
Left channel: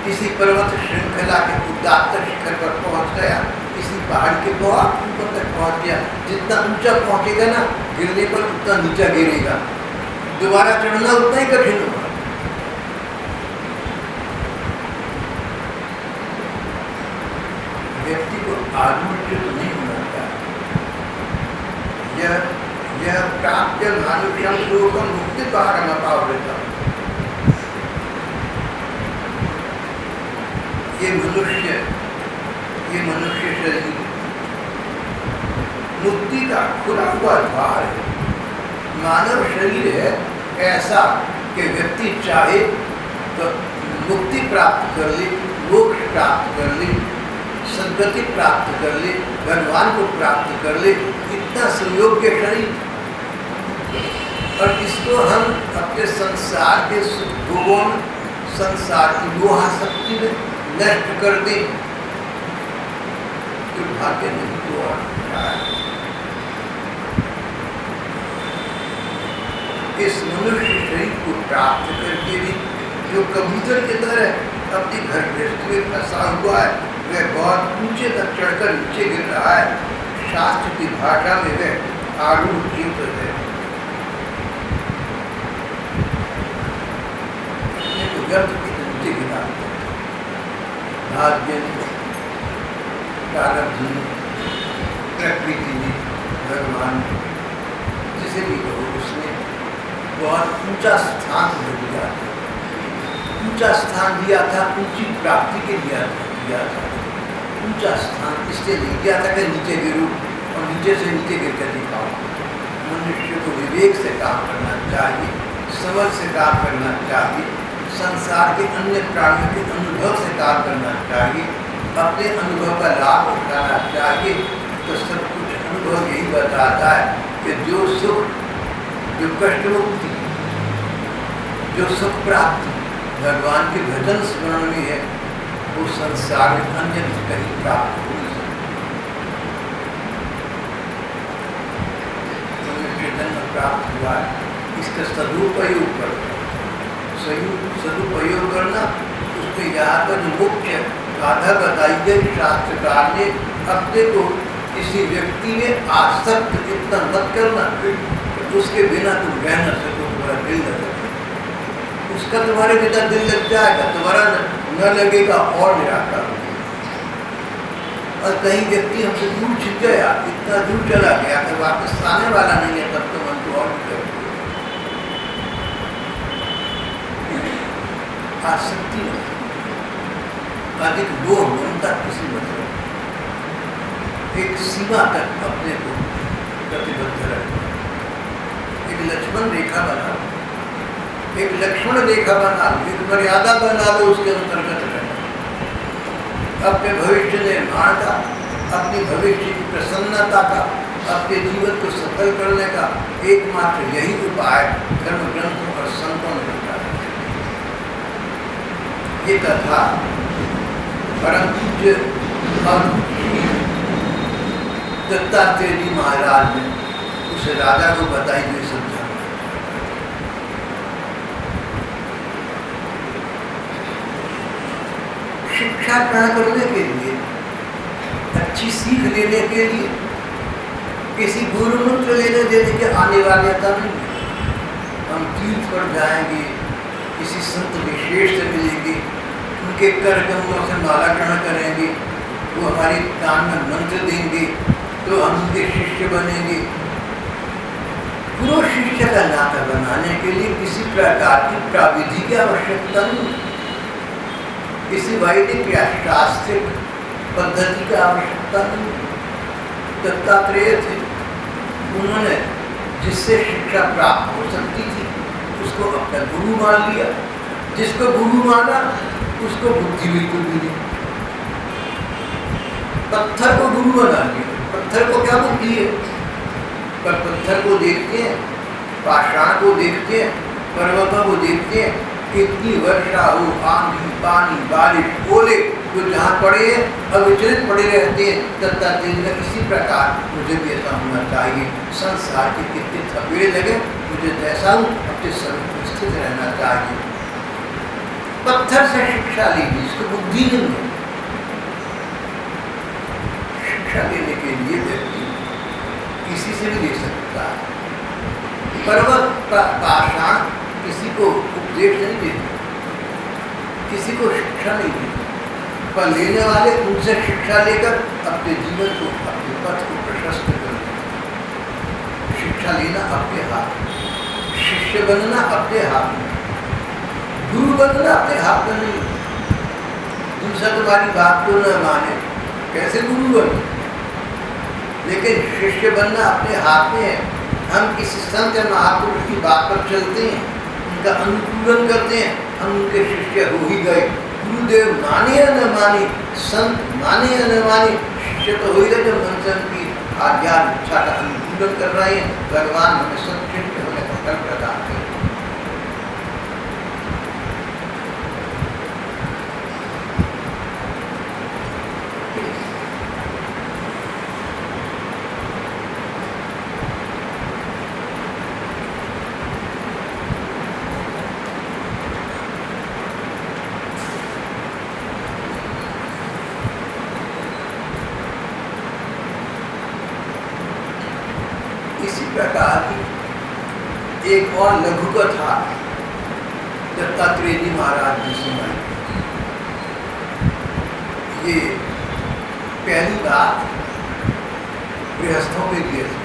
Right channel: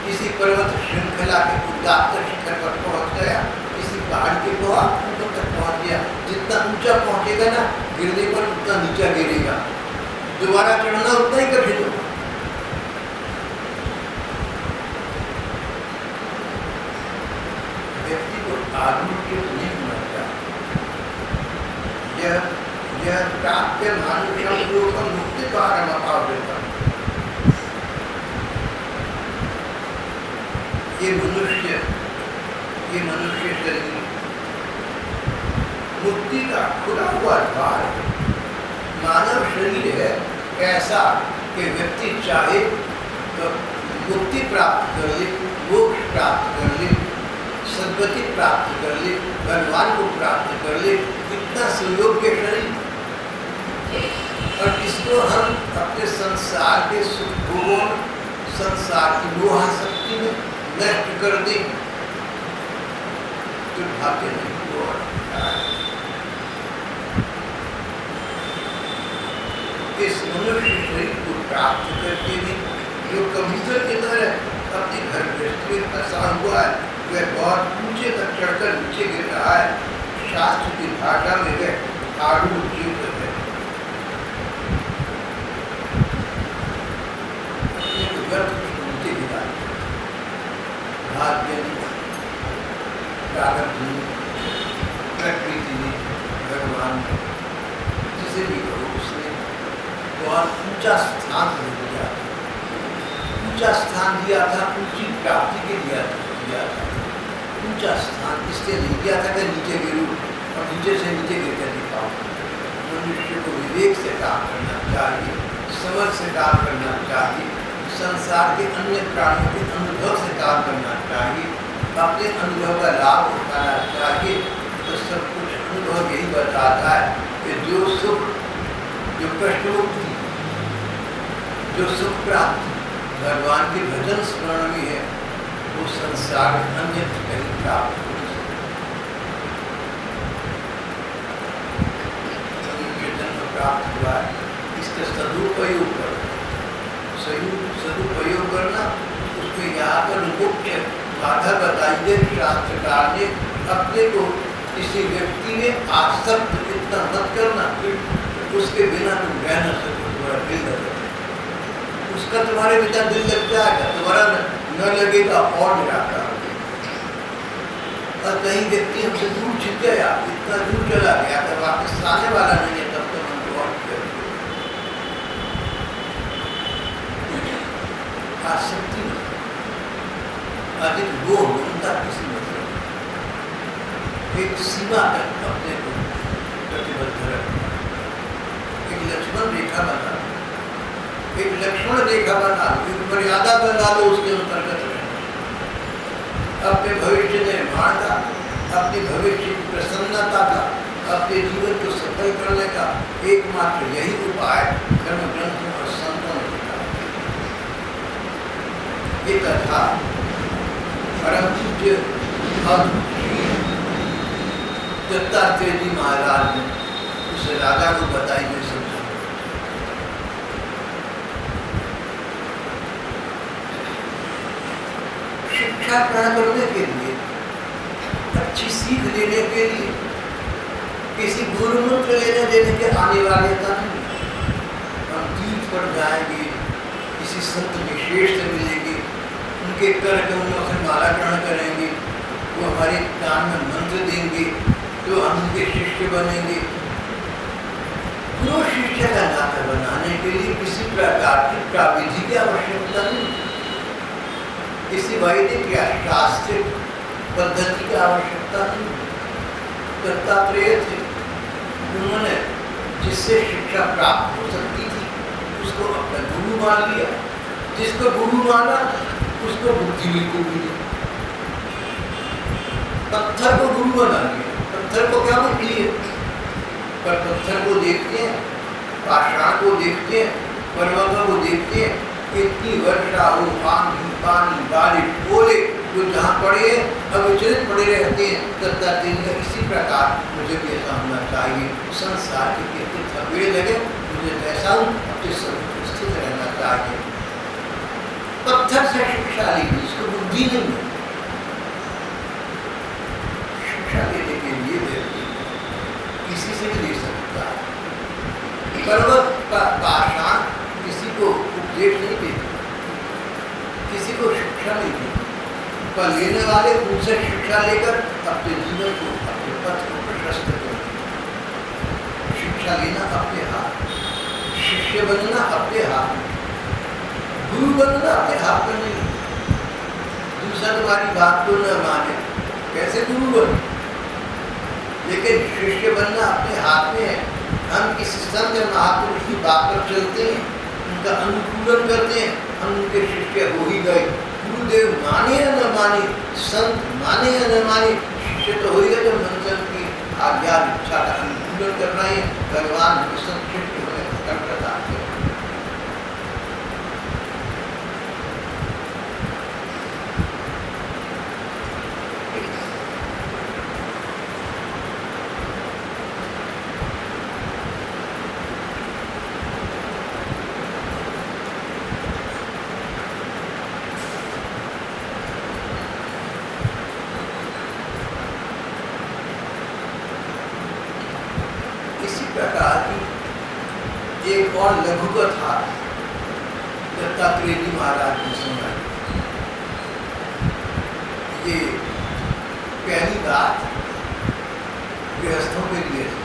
किसी पर्वत श्रृंखला के उदात्त शिखर पर पहुंच गया, किसी पहाड़ के बहुत ऊपर तक पहुंच गया, जितना ऊंचा पहुंचेगा ना, गिरने पर उतना नीचा गिरेगा, दोबारा चढ़ना उतना ही कठिन होगा। व्यक्ति को आत्मच्युत नहीं होना चाहिए। यह प्राप्त मानुषम लोकम मुक्ति पारमतावृतम। ये मनुष्य शरीर मुक्ति का खुला हुआ द्वार है। मानव शरीर है ऐसा कि व्यक्ति चाहे तो मुक्ति प्राप्त कर ले, मोक्ष प्राप्त कर ले, सद्गति प्राप्त कर ले, भगवान को प्राप्त कर ले, इतना सुयोग्य शरीर। और इसको हम अपने संसार के सुख भोगों में, संसार की मोहाशक्ति में नष्ट कर दे, दुर्भाग्य नहीं तो और क्या है। इस मनुष्य शरीर को प्राप्त करके भी जो कबूतर की तरह अपने घर गृहस्थी में फंसा हुआ है, वह बहुत ऊंचे तक चढ़कर नीचे गिर रहा है। शास्त्र की भाषा में वह आरूढ़ जीव है, अपने को व्यर्थ कुछ नीचे गिरा, भाग्य ने, प्रारब्ध ने, प्रकृति ने, भगवान ने, जिसे भी कहो, उसने बहुत ऊंचा स्थान दिया था, ऊंचा स्थान दिया था, ऊंची प्राप्ति के दिया था। ऊंचा स्थान इसलिए नहीं दिया था कि नीचे गिरूं और नीचे से नीचे गिर कर दिखाऊं। मनुष्य को विवेक से काम करना चाहिए, समझ से काम करना चाहिए, संसार के अन्य प्राणियों के अनुभव से काम करना चाहिए, अपने अनुभव का लाभ उठाना चाहिए। तो सब कुछ अनुभव यही बताता है कि जो सुख, जो कष्ट मुक्ति, जो सुख प्राप्ति भगवान के भजन स्मरण में है, वो संसार में अन्यत्र कहीं प्राप्त हो नहीं सकता। जन्म प्राप्त हुआ है, इसका सदुपयोग करना, सदुपयोग करना। उसमें यहाँ पर मुख्य बाधा बताई गई शास्त्रकार ने, अपने को किसी व्यक्ति में आसक्त इतना मत करना, उसके बिना तुम रह न सको, तुम्हारा दिल लगे, उसका तुम्हारे बिना दिल लग जाएगा, तुम्हारा न लगेगा और निराकार होगा। और कहीं व्यक्ति हमसे दूर छिप गया, इतना दूर चला गया कि वापस आने वाला नहीं है, तब तो मन को और भी करते आसक्ति में अधिक दो ममता किसी मतलब, एक सीमा तक अपने को प्रतिबद्ध रखना, एक लक्ष्मण रेखा बना लो, एक लक्ष्मण रेखा बना लो, एक मर्यादा बना लो, उसके अंतर्गत रहना। अपने भविष्य निर्माण का, अपनी भविष्य की प्रसन्नता का, अपने जीवन को सफल करने का एकमात्र यही उपाय धर्म ग्रंथों और संतों ने बताया। ये कथा परम पूज्य और दत्तात्रेय जी महाराज ने उस राजा को बताई, जो समझा। शिक्षा ग्रहण करने के लिए, अच्छी सीख लेने के लिए किसी गुरु मंत्र लेने देने की अनिवार्यता नहीं है। हम तीर्थ पर जाएंगे, किसी संत विशेष से मिलेंगे, उनके कर कमलों से माला ग्रहण करेंगे, वो हमारे कान में मंत्र देंगे, तो हम उनके शिष्य बनेंगे। गुरु शिष्य का नाता बनाने के लिए किसी प्रकार की प्राविधि की आवश्यकता नहीं, किसी वैदिक या शास्त्रिक पद्धति की आवश्यकता नहीं। दत्तात्रेय थे, उन्होंने जिससे शिक्षा प्राप्त हो सकती थी उसको अपना गुरु मान लिया, जिसको गुरु माना उसको बुद्धि बिल्कुल भी नहीं। पत्थर को गुरु बना लिया, पत्थर को क्या बुद्धि है, पर पत्थर को देखते हैं, पाषाण को देखते हैं, पर्वतों को देखते हैं, इतनी वर्षा हो, आंधी, पानी, बारिश, ओले जो जहाँ पड़े अविचलित पड़े रहते हैं। दत्तात्रेय का इसी प्रकार मुझे भी ऐसा होना चाहिए। संसार के कितने थपेड़े लगे, मुझे जैसा हूँ अपने स्वरूप स्थित रहना चाहिए। पत्थर से शिक्षा लीजिए, इसको बुद्धि नहीं है। शिक्षा लेने के लिए व्यक्ति किसी से भी ले सकता है, पर्वत पाषाण किसी को उपदेश नहीं देते, किसी को शिक्षा नहीं देते, पर लेने वाले उनसे शिक्षा लेकर अपने जीवन को, अपने पथ को प्रशस्त करते। शिक्षा लेना अपने हाथ में, शिष्य बनना अपने हाथ में, गुरु बनना अपने हाथ में नहीं। दूसरा तुम्हारी बात को न माने, कैसे गुरु बने? लेकिन शिष्य बनना अपने हाथ में है। हम किसी संत या महापुरुष की बात पर चलते हैं, उनका अनुकूलन करते हैं, हम उनके शिष्य हो ही गए। गुरुदेव माने या न माने, संत माने या न माने, शिष्य तो हो ही गए। जब मन की आज्ञा इच्छा का अनुकूलन कर रहे हैं, भगवान हमें संत शिष्य होने का फल प्रदान करें। इसी प्रकार की एक और लघु कथा दत्तात्रेय जी महाराज ने सुनाई। ये पहली बात गृहस्थों के लिए थी।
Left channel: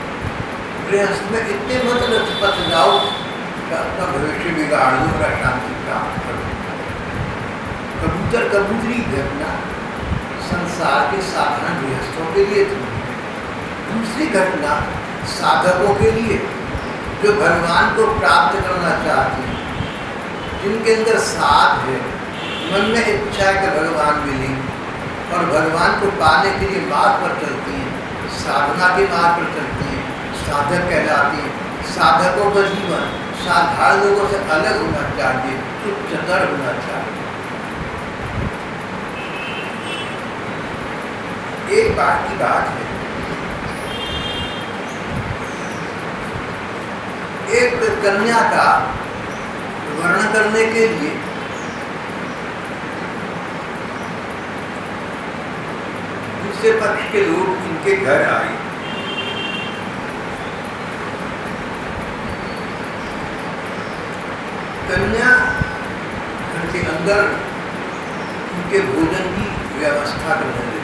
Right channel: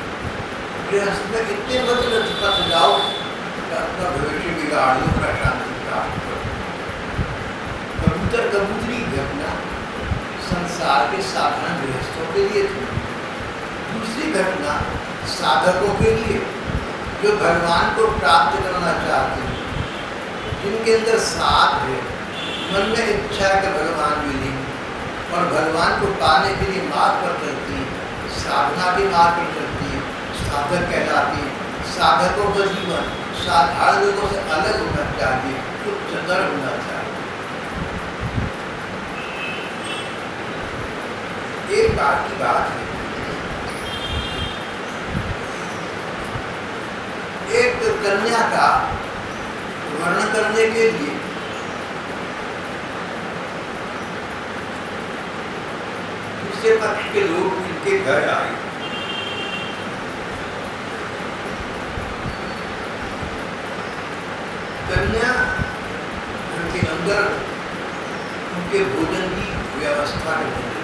गृहस्थ में इतने मत लचपत जाओ कि अपना भविष्य बिगाड़ लो और अशांति प्राप्त करो। कबूतर कबूतरी घटना संसार के साधारण गृहस्थों के लिए थी। दूसरी घटना साधकों के लिए जो भगवान को प्राप्त करना चाहते हैं, जिनके अंदर साध है, मन में इच्छा है कि भगवान मिले और भगवान को पाने के लिए मार्ग पर चलती हैं, साधना के मार्ग पर चलती हैं, साधक कहलाती हैं। साधकों का जीवन साधारण लोगों से अलग होना चाहिए, उच्चतर होना चाहिए। एक बार की बात है, एक कन्या का वर्णन करने के लिए दूसरे पक्ष के लोग इनके घर आए। कन्या घर के अंदर उनके भोजन की व्यवस्था करने लगी।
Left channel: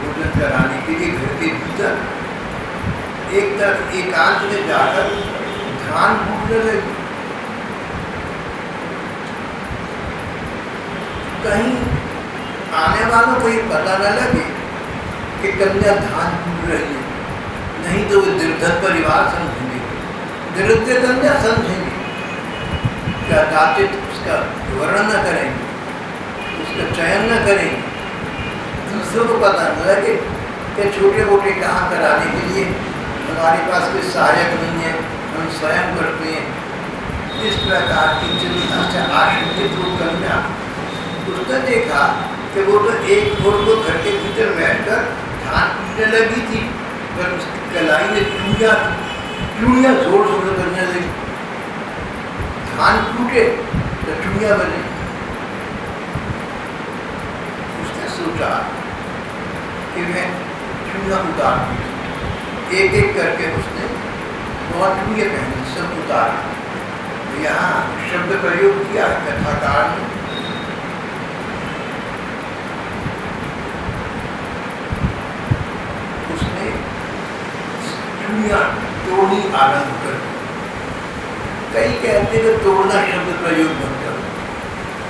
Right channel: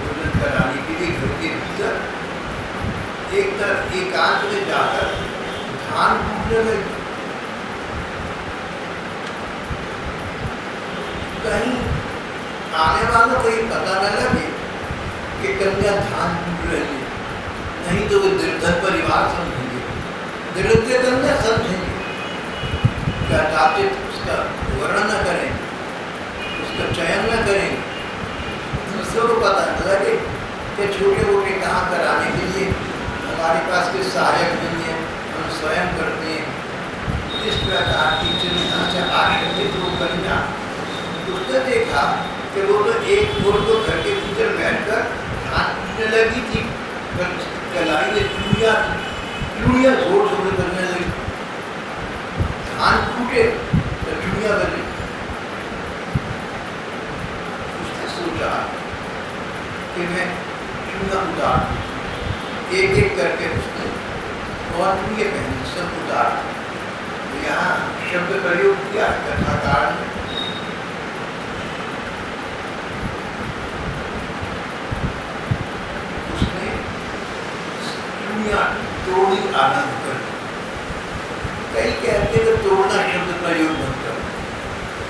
भोजन कराने के लिए घर के भीतर एक तरफ एकांत में जाकर धान कूटने लगी। कहीं आने वालों को ये पता न लगे कि कन्या धान कूट रही है, नहीं तो वे निर्धन परिवार समझेंगे, दरिद्र कन्या समझेंगे, क्या दातित उसका वर्णन न करेंगे, उसका चयन न करेंगे। दूसरों को पता न लगे कि छोटे मोटे काम कराने के लिए हमारे पास कोई सहायक नहीं है, हम स्वयं करते हैं। इस प्रकार की चिंता से आशंकित वो कन्या, उसने देखा कि वो तो एक भोर को घर के भीतर बैठकर धान कूटने लगी थी, पर उसकी कलाई में चूड़ियाँ जोर जोर से बनने लगी। धान कूटे तो चूड़ियाँ बनी। उसने सोचा कि मैं चूड़ियाँ उतार दूँ। एक एक करके उसने बहुत चूड़ियाँ पहनी, सब उतार। यहाँ शब्द प्रयोग किया कथाकार ने। उसने चूड़ियाँ तोड़नी आरंभ कर। कई कहते हैं तोड़ना शब्द प्रयोग मत करो,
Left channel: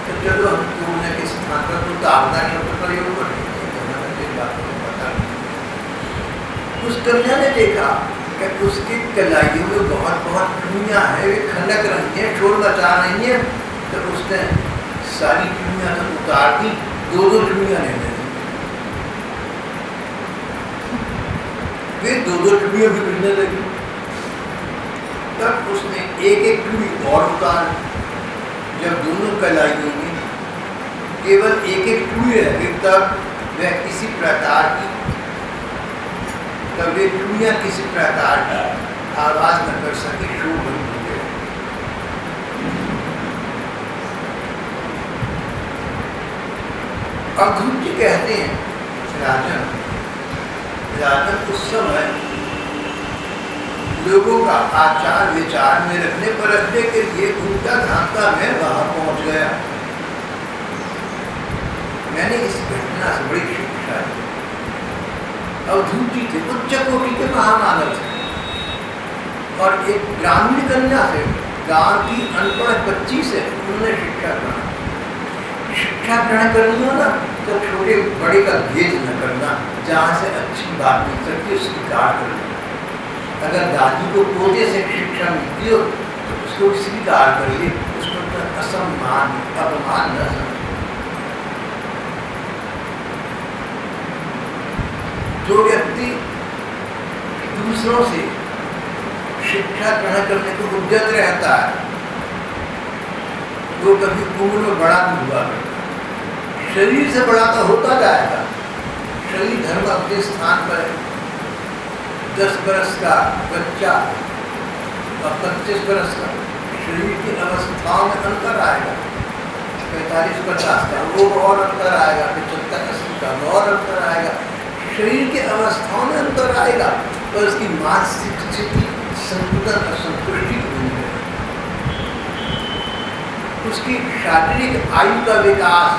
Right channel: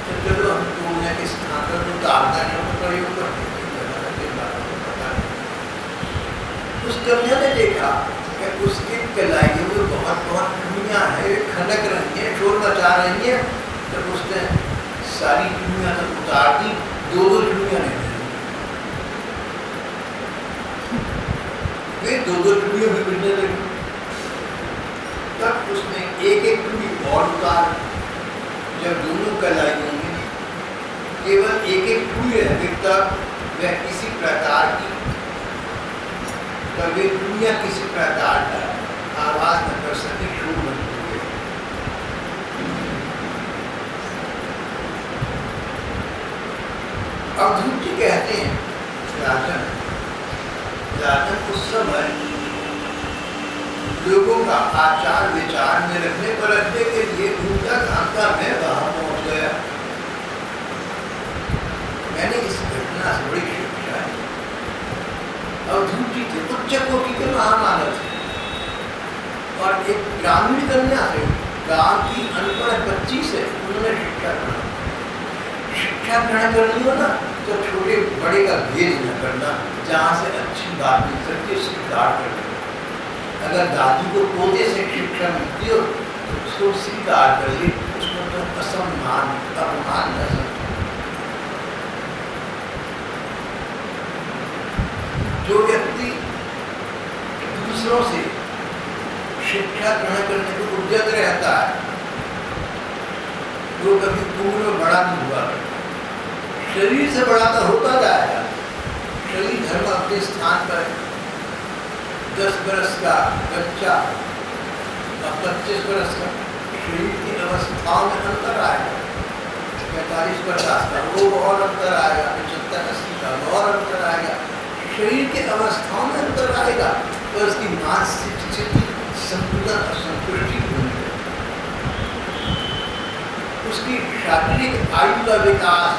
तो चलो हम तोड़ने के स्थान पर उतारना शब्द प्रयोग करते हैं। उस कन्या ने देखा कि उसकी कलाइयों में बहुत बहुत चूड़ियाँ हैं, वे खनक रही हैं, शोर मचा रही हैं। तो उसने सारी चूड़ियाँ तो उतार दी, दो दो चूड़ियाँ ले ली। वे दो दो चूड़ियाँ भी मिलने लगी। तब उसने एक एक चूड़ी और उतार। जब दोनों कलाइयों में केवल एक एक चूड़ी रह, तब वह किसी प्रकार की वे चूड़ियाँ किसी प्रकार की आवाज न कर सके, शोर बंद हो गया। अवधूत जी कहते हैं, राजन उस समय लोगों का आचार विचार में रखने के लिए घूमता घामता मैं वहां पहुंच गया। मैंने इस घटना से बड़ी शिक्षा ली। अवधूत जी थे उच्च कोटि के महामानव थे, और एक ग्रामीण कन्या से, गांव की अनपढ़ बच्ची से उन्होंने शिक्षा ग्रहण। शिक्षा ग्रहण करनी हो ना तो छोटे बड़े का भेद न करना, जहाँ से अच्छी बात मिल सकती है स्वीकार कर लेना। अगर दादी को पोते से शिक्षा मिलती हो तो उसको स्वीकार करिए, उसको तो असम्मान अपमान न समझिए। जो व्यक्ति दूसरों से शिक्षा ग्रहण करने को उद्यत रहता है, वो कभी उम्र में बड़ा नहीं हुआ करता। शरीर से बड़ा तो होता जाएगा। शरीर धर्म अपने स्थान पर है। 10 बरस का बच्चा और 25 बरस का, शरीर की अवस्थाओं में अंतर आएगा। 45-50 का वो और अंतर आएगा, 75-80 का और अंतर आएगा। शरीर के अवस्थाओं में अंतर आएगा, पर उसकी मानसिक स्थिति संतुलन असंतुष्टि की बनी रहेगी। उसकी शारीरिक आयु का विकास,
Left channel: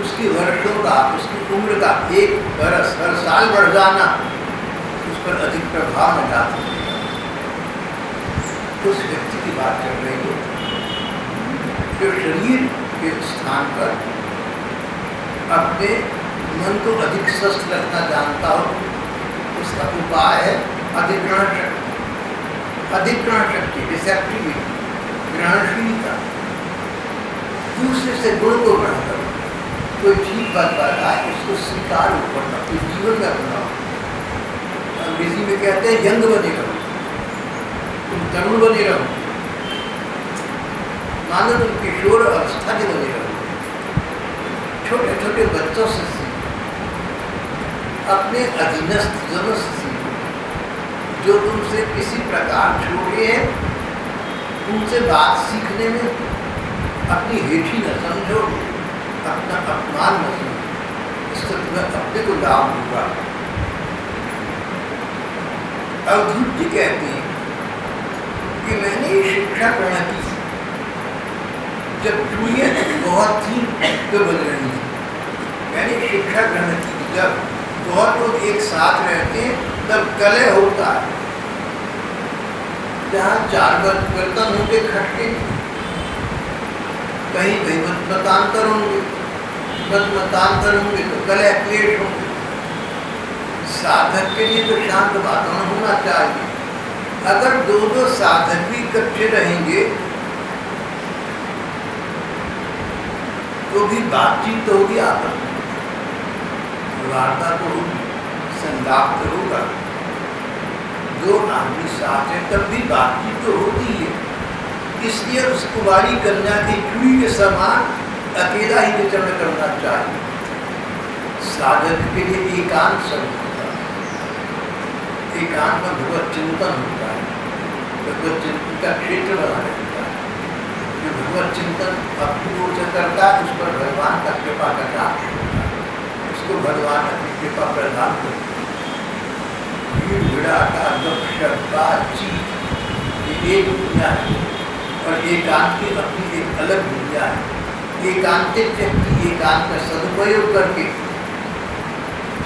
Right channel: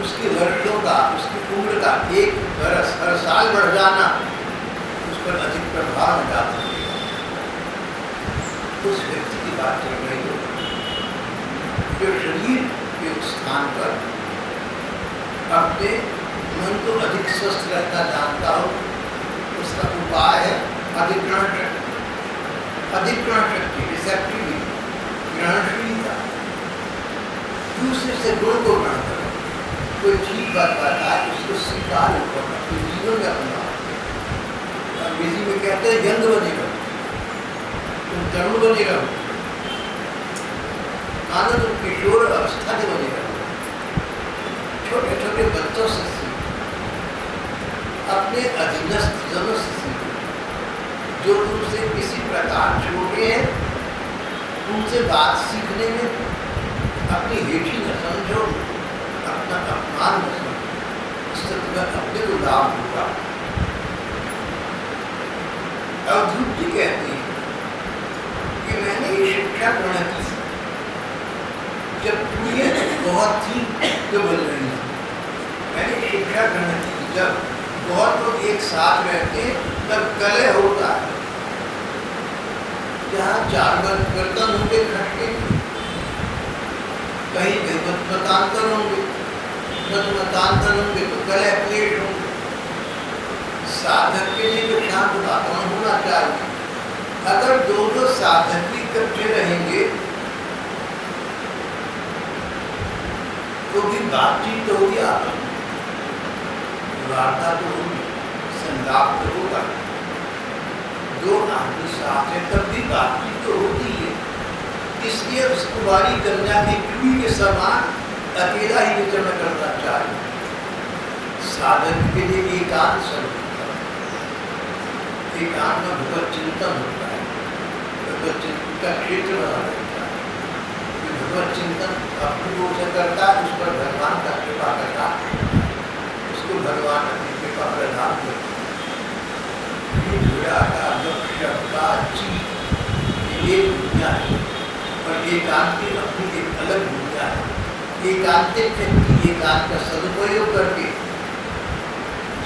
उसकी वर्षों का, उसकी उम्र का 1 बरस हर साल बढ़ जाना उस पर अधिक प्रभाव न डाल सकेगा। उस व्यक्ति की बात चल रही है जो शरीर के स्थान पर अपने मन को अधिक स्वस्थ रखना जानता हो। उसका उपाय है अधिग्रहण शक्ति, रिसेप्टिविटी, ग्रहणशीलता, दूसरे से गुण को ग्रहण करो। कोई ठीक बात बताए उसको स्वीकार ऊपर अपने जीवन में अपनाओ। अंग्रेजी में कहते हैं यंग बने रहो, तुम तरुण बने रहो, मानो तुम किशोर अवस्था के बने रहो। छोटे छोटे बच्चों से सीखो, अपने अधीनस्थ जनों से सीखो, जो तुमसे किसी प्रकार छोटे हैं उनसे बात सीखने में अपनी हेठी न समझो, अपना अपमान न समझो, इससे तुम्हें अपने को लाभ होगा। अवधूत जी कहते हैं कि मैंने ये शिक्षा ग्रहण की जब दुनिया बहुत थी तो बदल रही थी। मैंने शिक्षा ग्रहण की जब बहुत लोग एक साथ रहते हैं तब कलह होता है। जहाँ 4 बर्तन होंगे खटके, कहीं कहीं मतमतांतर होंगे तो कलह क्लेश होंगे। साधक के लिए तो शांत वातावरण होना चाहिए। अगर दो साधक भी इकट्ठे रहेंगे तो भी बातचीत तो होगी, आपस में वार्ता तो होगी, संलाप तो होगा। 2 आदमी साथ है तब भी बातचीत तो होती है। इसलिए उस कुमारी कन्या की चूड़ी के समान अकेला ही विचरण करना चाहिए। साधक के लिए एकांत सब होता है, एकांत में भगवत चिंतन होता है, भगवत चिंतन का क्षेत्र बना रहता है। जो भगवत चिंतन अपनी ओर से करता है उस पर भगवान का कृपा करना, उसको भगवान अपनी कृपा प्रदान करता है। भीड़ भिड़ाका गपशप बातचीत ये एक दुनिया है और एकांत की अपनी एक अलग दुनिया है। एकांतिक व्यक्ति एकांत का सदुपयोग करके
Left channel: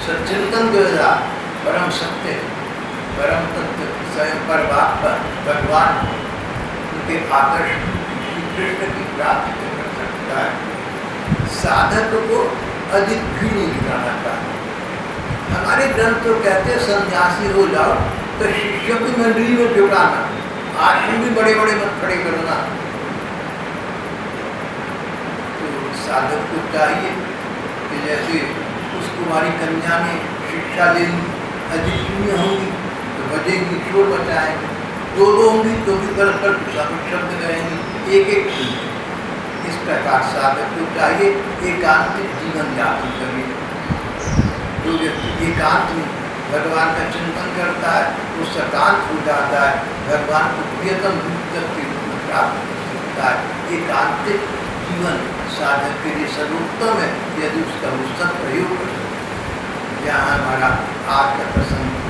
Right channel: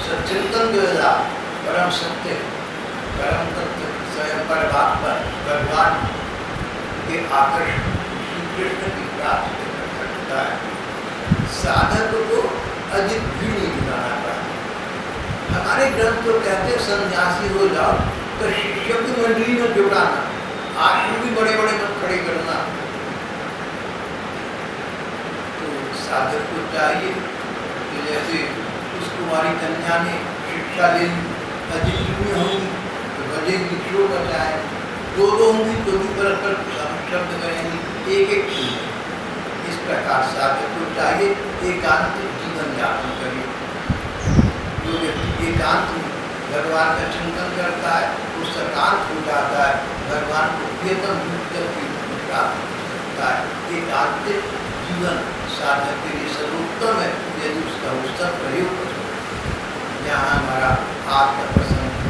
सच्चिंतन द्वारा परम सत्य, परम तत्व स्वयं परमात्मा भगवान उनके आकर्षण श्री कृष्ण की प्राप्ति कर सकता है। साधक को अधिक भीड़ नहीं जुटाना चाहिए। हमारे ग्रंथ तो कहते हैं सन्यासी हो जाओ तो शिष्यों की मंडली में जुटाना, आश्रम भी बड़े बड़े मत खड़े करना। तो साधक को चाहिए कि जैसे उस कुमारी कन्या ने शिक्षा ले ली, अधिक चुनी होंगी तो बजेगी, शोर मचाएंगे, 2 होंगी तो भी परस्पर शब्द करेंगी, एक चुनी। इस प्रकार साधक को चाहिए एकांतिक जीवन यापन करिए। जो व्यक्ति एकांत में भगवान का चिंतन करता है वो सकांत हो जाता है, भगवान को प्रियतम रूप के रूप में प्राप्त कर सकता है। एकांतिक जीवन साधक के लिए सर्वोत्तम है यदि उसका वो सद प्रयोग कर सकता है। यहाँ हमारा आज का प्रसंग